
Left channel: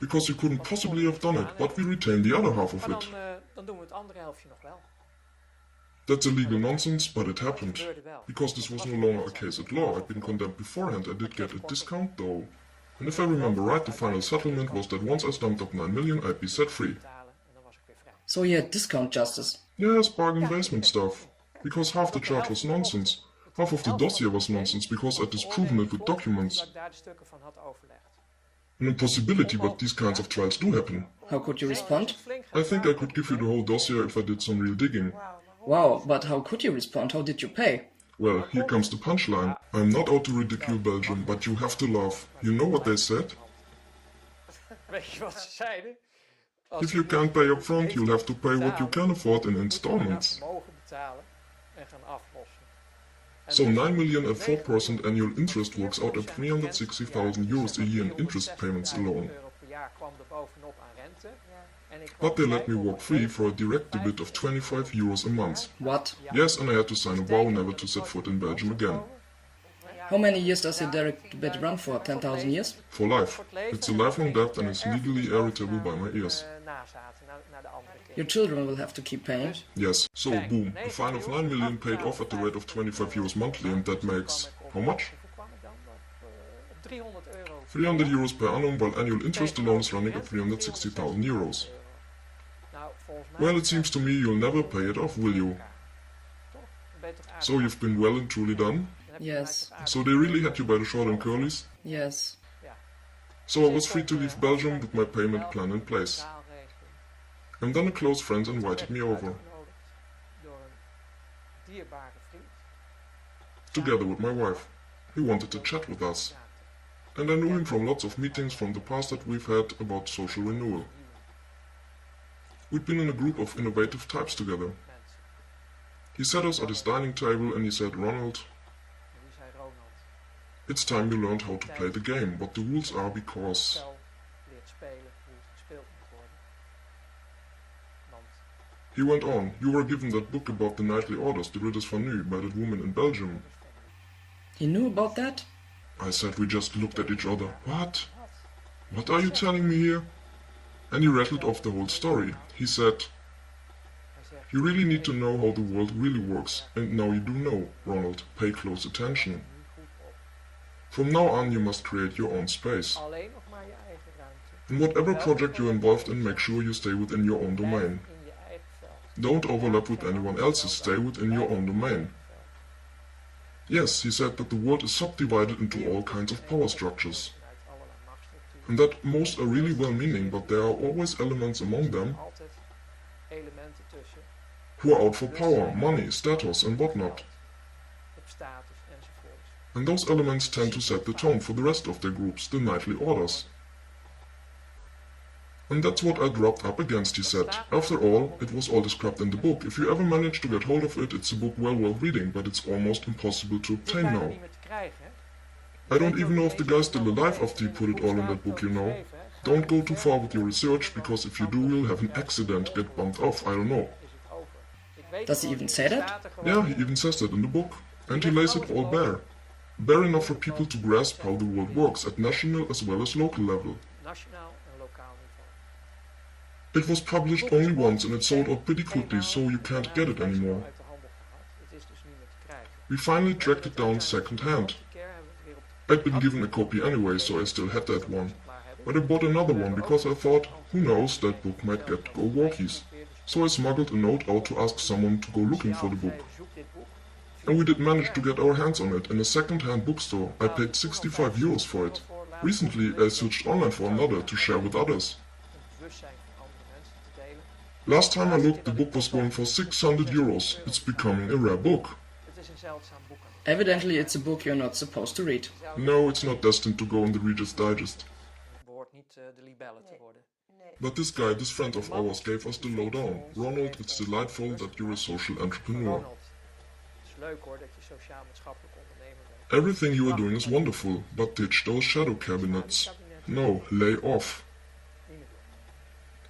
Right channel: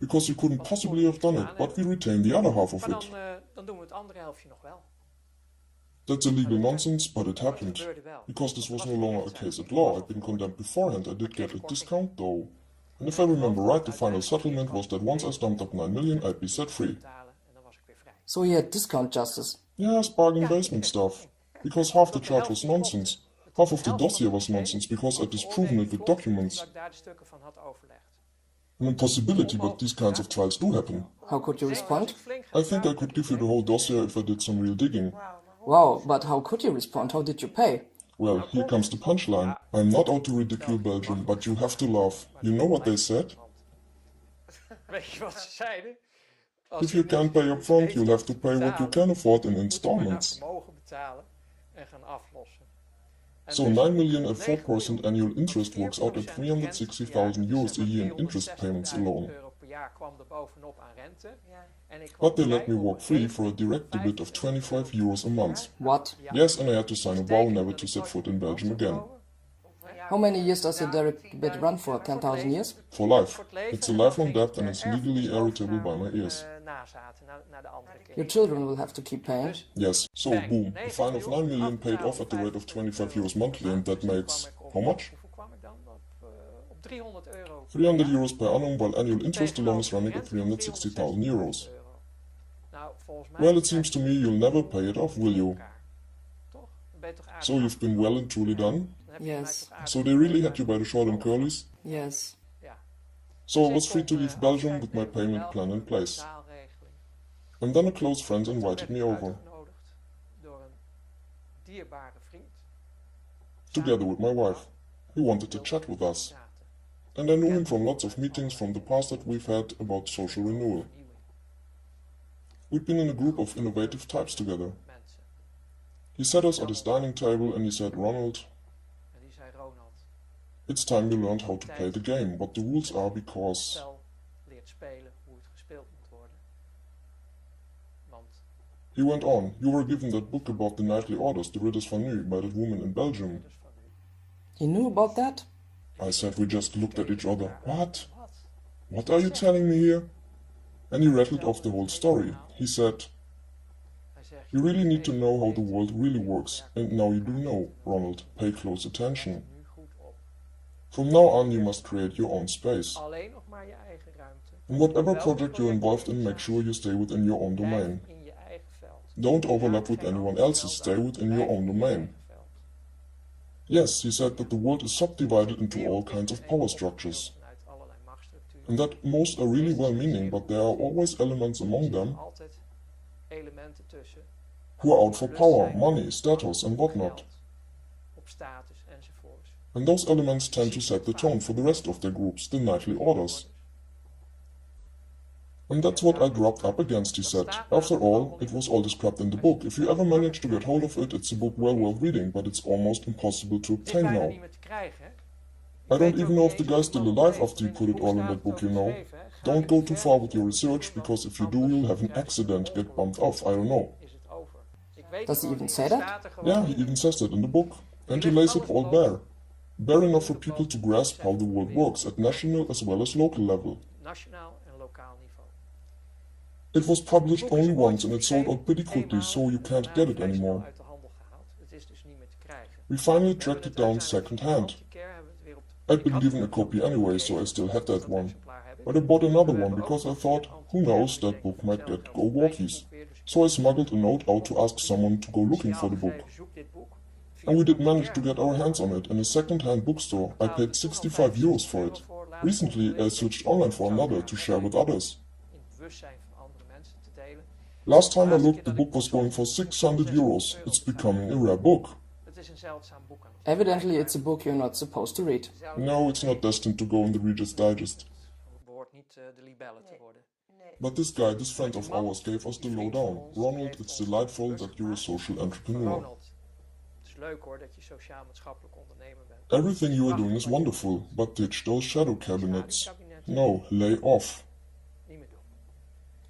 Because you couldn't possibly have done it, but we retain the other half of Maar it. dan doen we het andere helftje nog wel. That's illegal nonsense, but it happened. Because this was no longer a case at law, I'd been condemned beforehand, I did get a discount though. And if I remember right, the final settlement was that once I stumped up 9 million, I'd be set free. Betalen en dan was ik weer vrij. So you had discount justice. Yes, bargain basement stuff. Because half the charge was nonsense. Half of the dossier was nonsense because I'd disproven it with documents. Dat ik daar de stukken van had overlegd. An impossibility, but these kinds of trials do happen. How could you respond? I think I could give you the whole dossier if I did some real digging. Wow, but how could you respond? How did you pay? Well, here comes the punchline. I'm not out to ridicule Belgium, but you have to laugh. You know what they said? Weet je wat ze zeiden? If you can't pay up front, you'll have to pay what you can afford in installments. Mogen betalen en gaan aflossen. So 9 million at 4% annual interest works out at 360,000 euros a year in interest payments alone. Euro per jaar kwam er bovenop aan rente. En ik kwam But they let me vrij walk op free for a direct debit of 25 euros a month. What? Yes, and I had to sign a vow never to set foot in Belgium again. How many years does the direct bid run for? 10,000 years? For life. It's a lifelong debt and is legally irritable by my ears. Nazaten naar de andere Your kinderen. children will have to keep paying. Yes, so boom, a fine of 9 million paid off at the rate of 25 euros monthly, and that makes, how much? Hoeveel kwam ik dan? Op 300 euro. 300 euros per annum, while annual interest alone is running at 360,000 euros. Nou, volgens mij Well, it seems to me you'll never pay it off, will you? Toch? Dan ben je toch aardig So you've been well and truly done? Dan heb je mij Yes. toch aardig So they really had you by the short and curlies? Yes. Ja. So I was free to leave Belgium with my payment plan in place. Taalregeling. And then a close friend invited me over, Uitgenodigd door een dierbare vriend. together with my wife. He wanted to chat with us. And I knew him from lots of meetings from the past that we've had about social renewal. We'd been in a group of innovative types together. Mensen. He sat us at his dining table and he said, Ronald, En die zei Ronald. it's time you learned how to play the game, what the rules are, because... Stel leert spelen hoe het gespeeld moet worden. Want He went on, you were given that book about the nightly orders, the ridders van nu, by that woman in Belgium. dat is van u. He knew about that? I said, we just looked at each other. What? Wat? What are you telling me here? And he rattled off the whole story. He said, Hij zegt, you really need to know how the world really works. And now you do know, Ronald. Pay close attention. nu goed op. From now on you must create your own space. Alleen nog maar je eigen ruimte. In whatever project you're involved in, make sure you stay within your own Blijf domain. in je eigen veld. Don't overlap with anyone else's, stay within your own domain. Yes, he said that the world is subdivided into all kinds of power structures. And that most are really well-meaning, but there are always elements among them Altijd elementen tussen. who are out for power, money, status and whatnot. Op status enzovoorts. And those elements tend to set the tone for the rest of their groups, the nightly orders. And that's what I dropped up against, he said. After all, it was all described in the book. If you ever manage to get hold of it, it's a book well worth reading, but it's almost impossible to Het is obtain bijna now. niet meer te krijgen, hè? I don't even know if the guy's still alive after he put it all in that book, you know. Don't go too far with your research, because if you do, you'll have an accident, get bumped off, I don't know. Is het over. Ik weet Does he gewoon even niet. say Het that? staat er gewoon Yeah, in. he even says that in the book. And he lays it all bare. bare enough for people to grasp how the world works at national as well as local level. Nationaal en lokaal niveau. It was published only once and it sold out pretty quickly, so you can't get it anymore. Uit de handel gehaald. Het is dus niet meer te krijgen. We finally tracked it down second-hand. Die keer hebben we het weer op de I'd been given a copy anyway, so I still had that one. But I bought another one because I thought, who knows, that book might get go walkies. So I smuggled a note out to ask someone to go looking for the book. And we did manage to get our hands on it in a second-hand bookstore. I paid 65 euros for it. Recently I switched online for another to share with others. Last time I looked, the book was going for 600 euros. It's becoming a rare book. Evidently it's a book you're not supposed to read. No, it's not destined to go in the Reader's Digest. But this guy, this friend of ours, gave us the lowdown. Ronald, it's delightful that you're a social entrepreneur. Everything you are doing is wonderful, but ditch those shadow cabinets. No, lay off.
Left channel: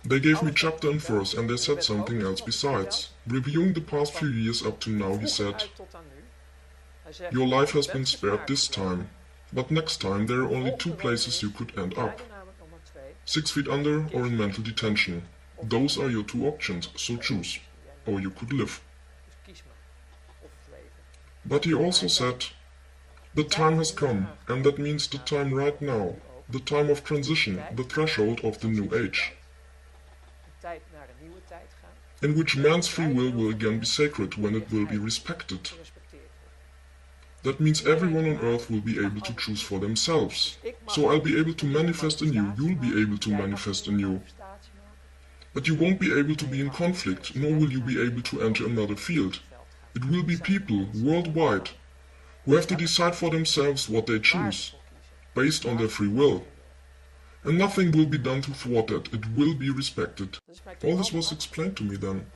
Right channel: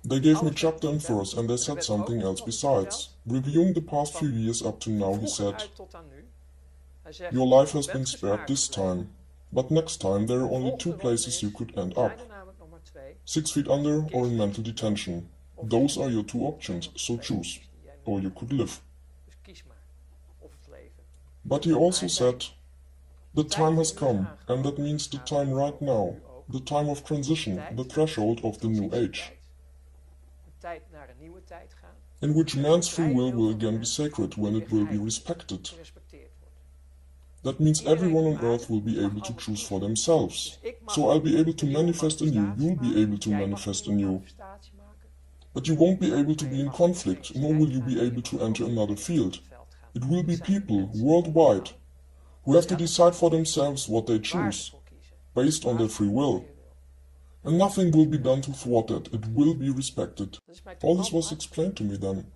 They gave me chapter and verse and they said something else besides. Reviewing the past few years up to now, he said, your life has been spared this time, but next time there are only two places you could end up. 6 feet under or in mental detention. Those are your two options, so choose. Or you could live. But he also said, the time has come, and that means the time right now, the time of transition, the threshold of the new age, in which man's free will again be sacred when it will be respected. That means everyone on earth will be able to choose for themselves. So I'll be able to manifest anew, you'll be able to manifest anew. But you won't be able to be in conflict, nor will you be able to enter another field. It will be people, worldwide, who have to decide for themselves what they choose, based on their free will. And nothing will be done to thwart that, it will be respected. All this was explained to me then.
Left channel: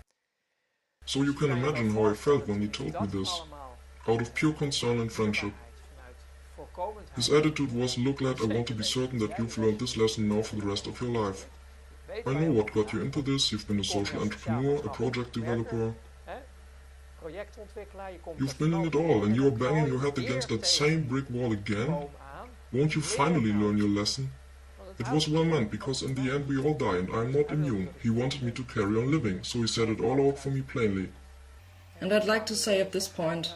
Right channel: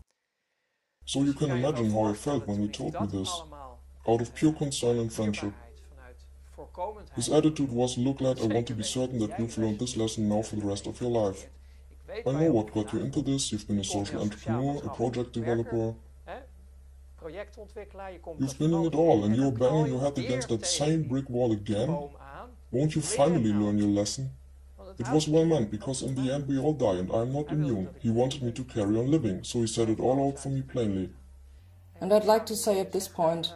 So you can imagine how I felt when he told me this, out of pure concern and friendship. His attitude was, look lad, I want to be certain that you've learned this lesson now for the rest of your life. I know what got you into this, you've been a social entrepreneur, a project developer. You've been in it all and you're banging your head against that same brick wall again? Won't you finally learn your lesson? It was well meant, because in the end we all die and I'm not immune. He wanted me to carry on living, so he said it all out for me plainly. And I'd like to say at this point,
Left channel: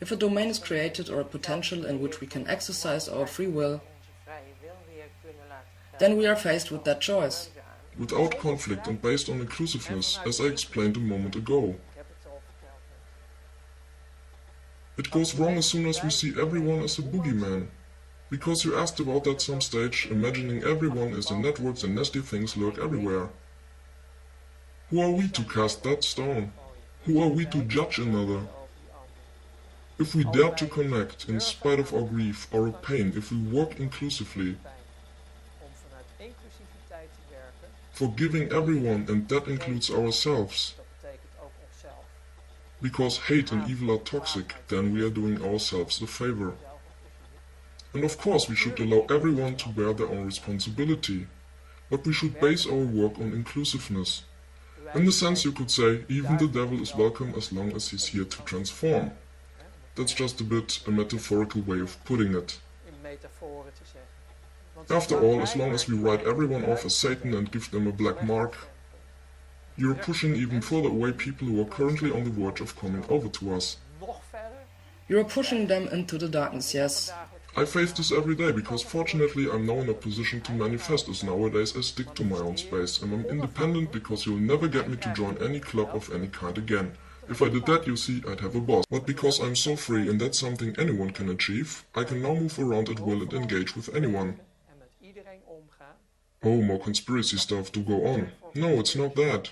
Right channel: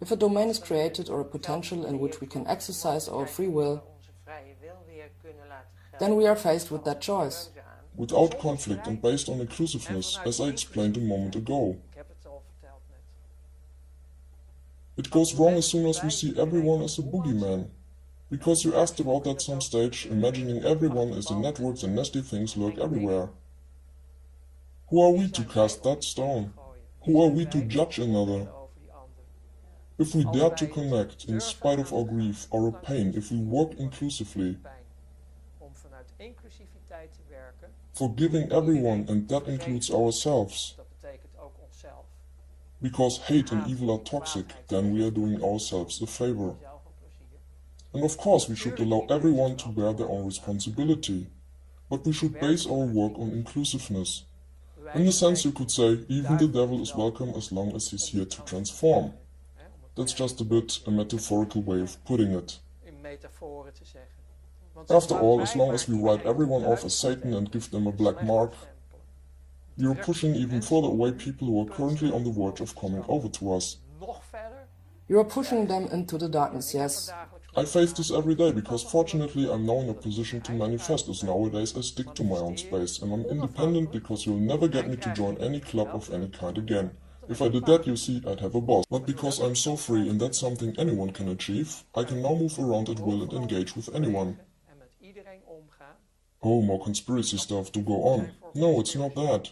if a domain is created or a potential in which we can exercise our free will, then we are faced with that choice. Without conflict and based on inclusiveness, as I explained a moment ago. It goes wrong as soon as we see everyone as a boogeyman. Because you asked about that some stage, imagining everyone is in networks and nasty things lurk everywhere. Who are we to cast that stone? Who are we to judge another? If we dare to connect, in spite of our grief, our pain, if we work inclusively, forgiving everyone, and that includes ourselves. Because hate and evil are toxic, then we are doing ourselves a favor. And of course we should allow everyone to bear their own responsibility, but we should base our work on inclusiveness. In a sense you could say, even the devil is welcome as long as he's here to transform. That's just a bit a metaphorical way of putting it. After all, as long as we write everyone off as Satan and give them a black mark, you're pushing even further away people who are currently on the verge of coming over to us. You're pushing them into the darkness, yes. I face this every day because fortunately I'm now in a position to manifest, as nowadays I stick to my own space and I'm independent because you'll never get me to join any club of any kind again. If I did that, you see, I'd have a boss. But because I'm so free and that's something anyone can achieve, I can now move around at will and engage with anyone. Oh, more conspiracy stuff to go on. No, it's not that.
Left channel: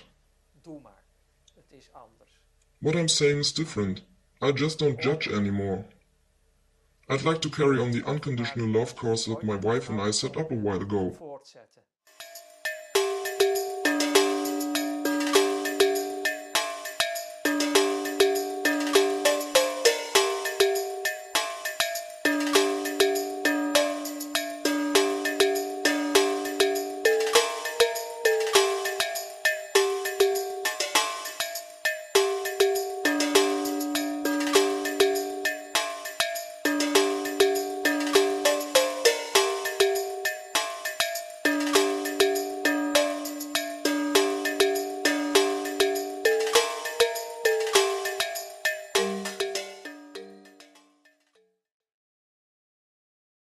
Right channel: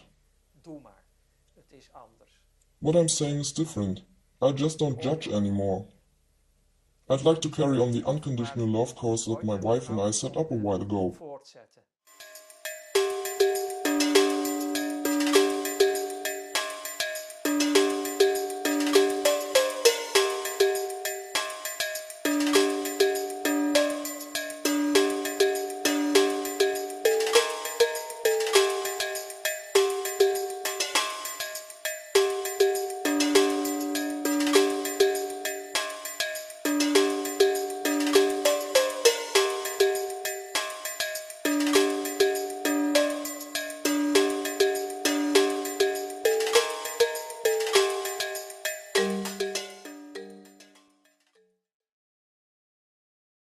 What I'm saying is different. I just don't judge anymore. I'd like to carry on the unconditional love course that my wife and I set up a while ago.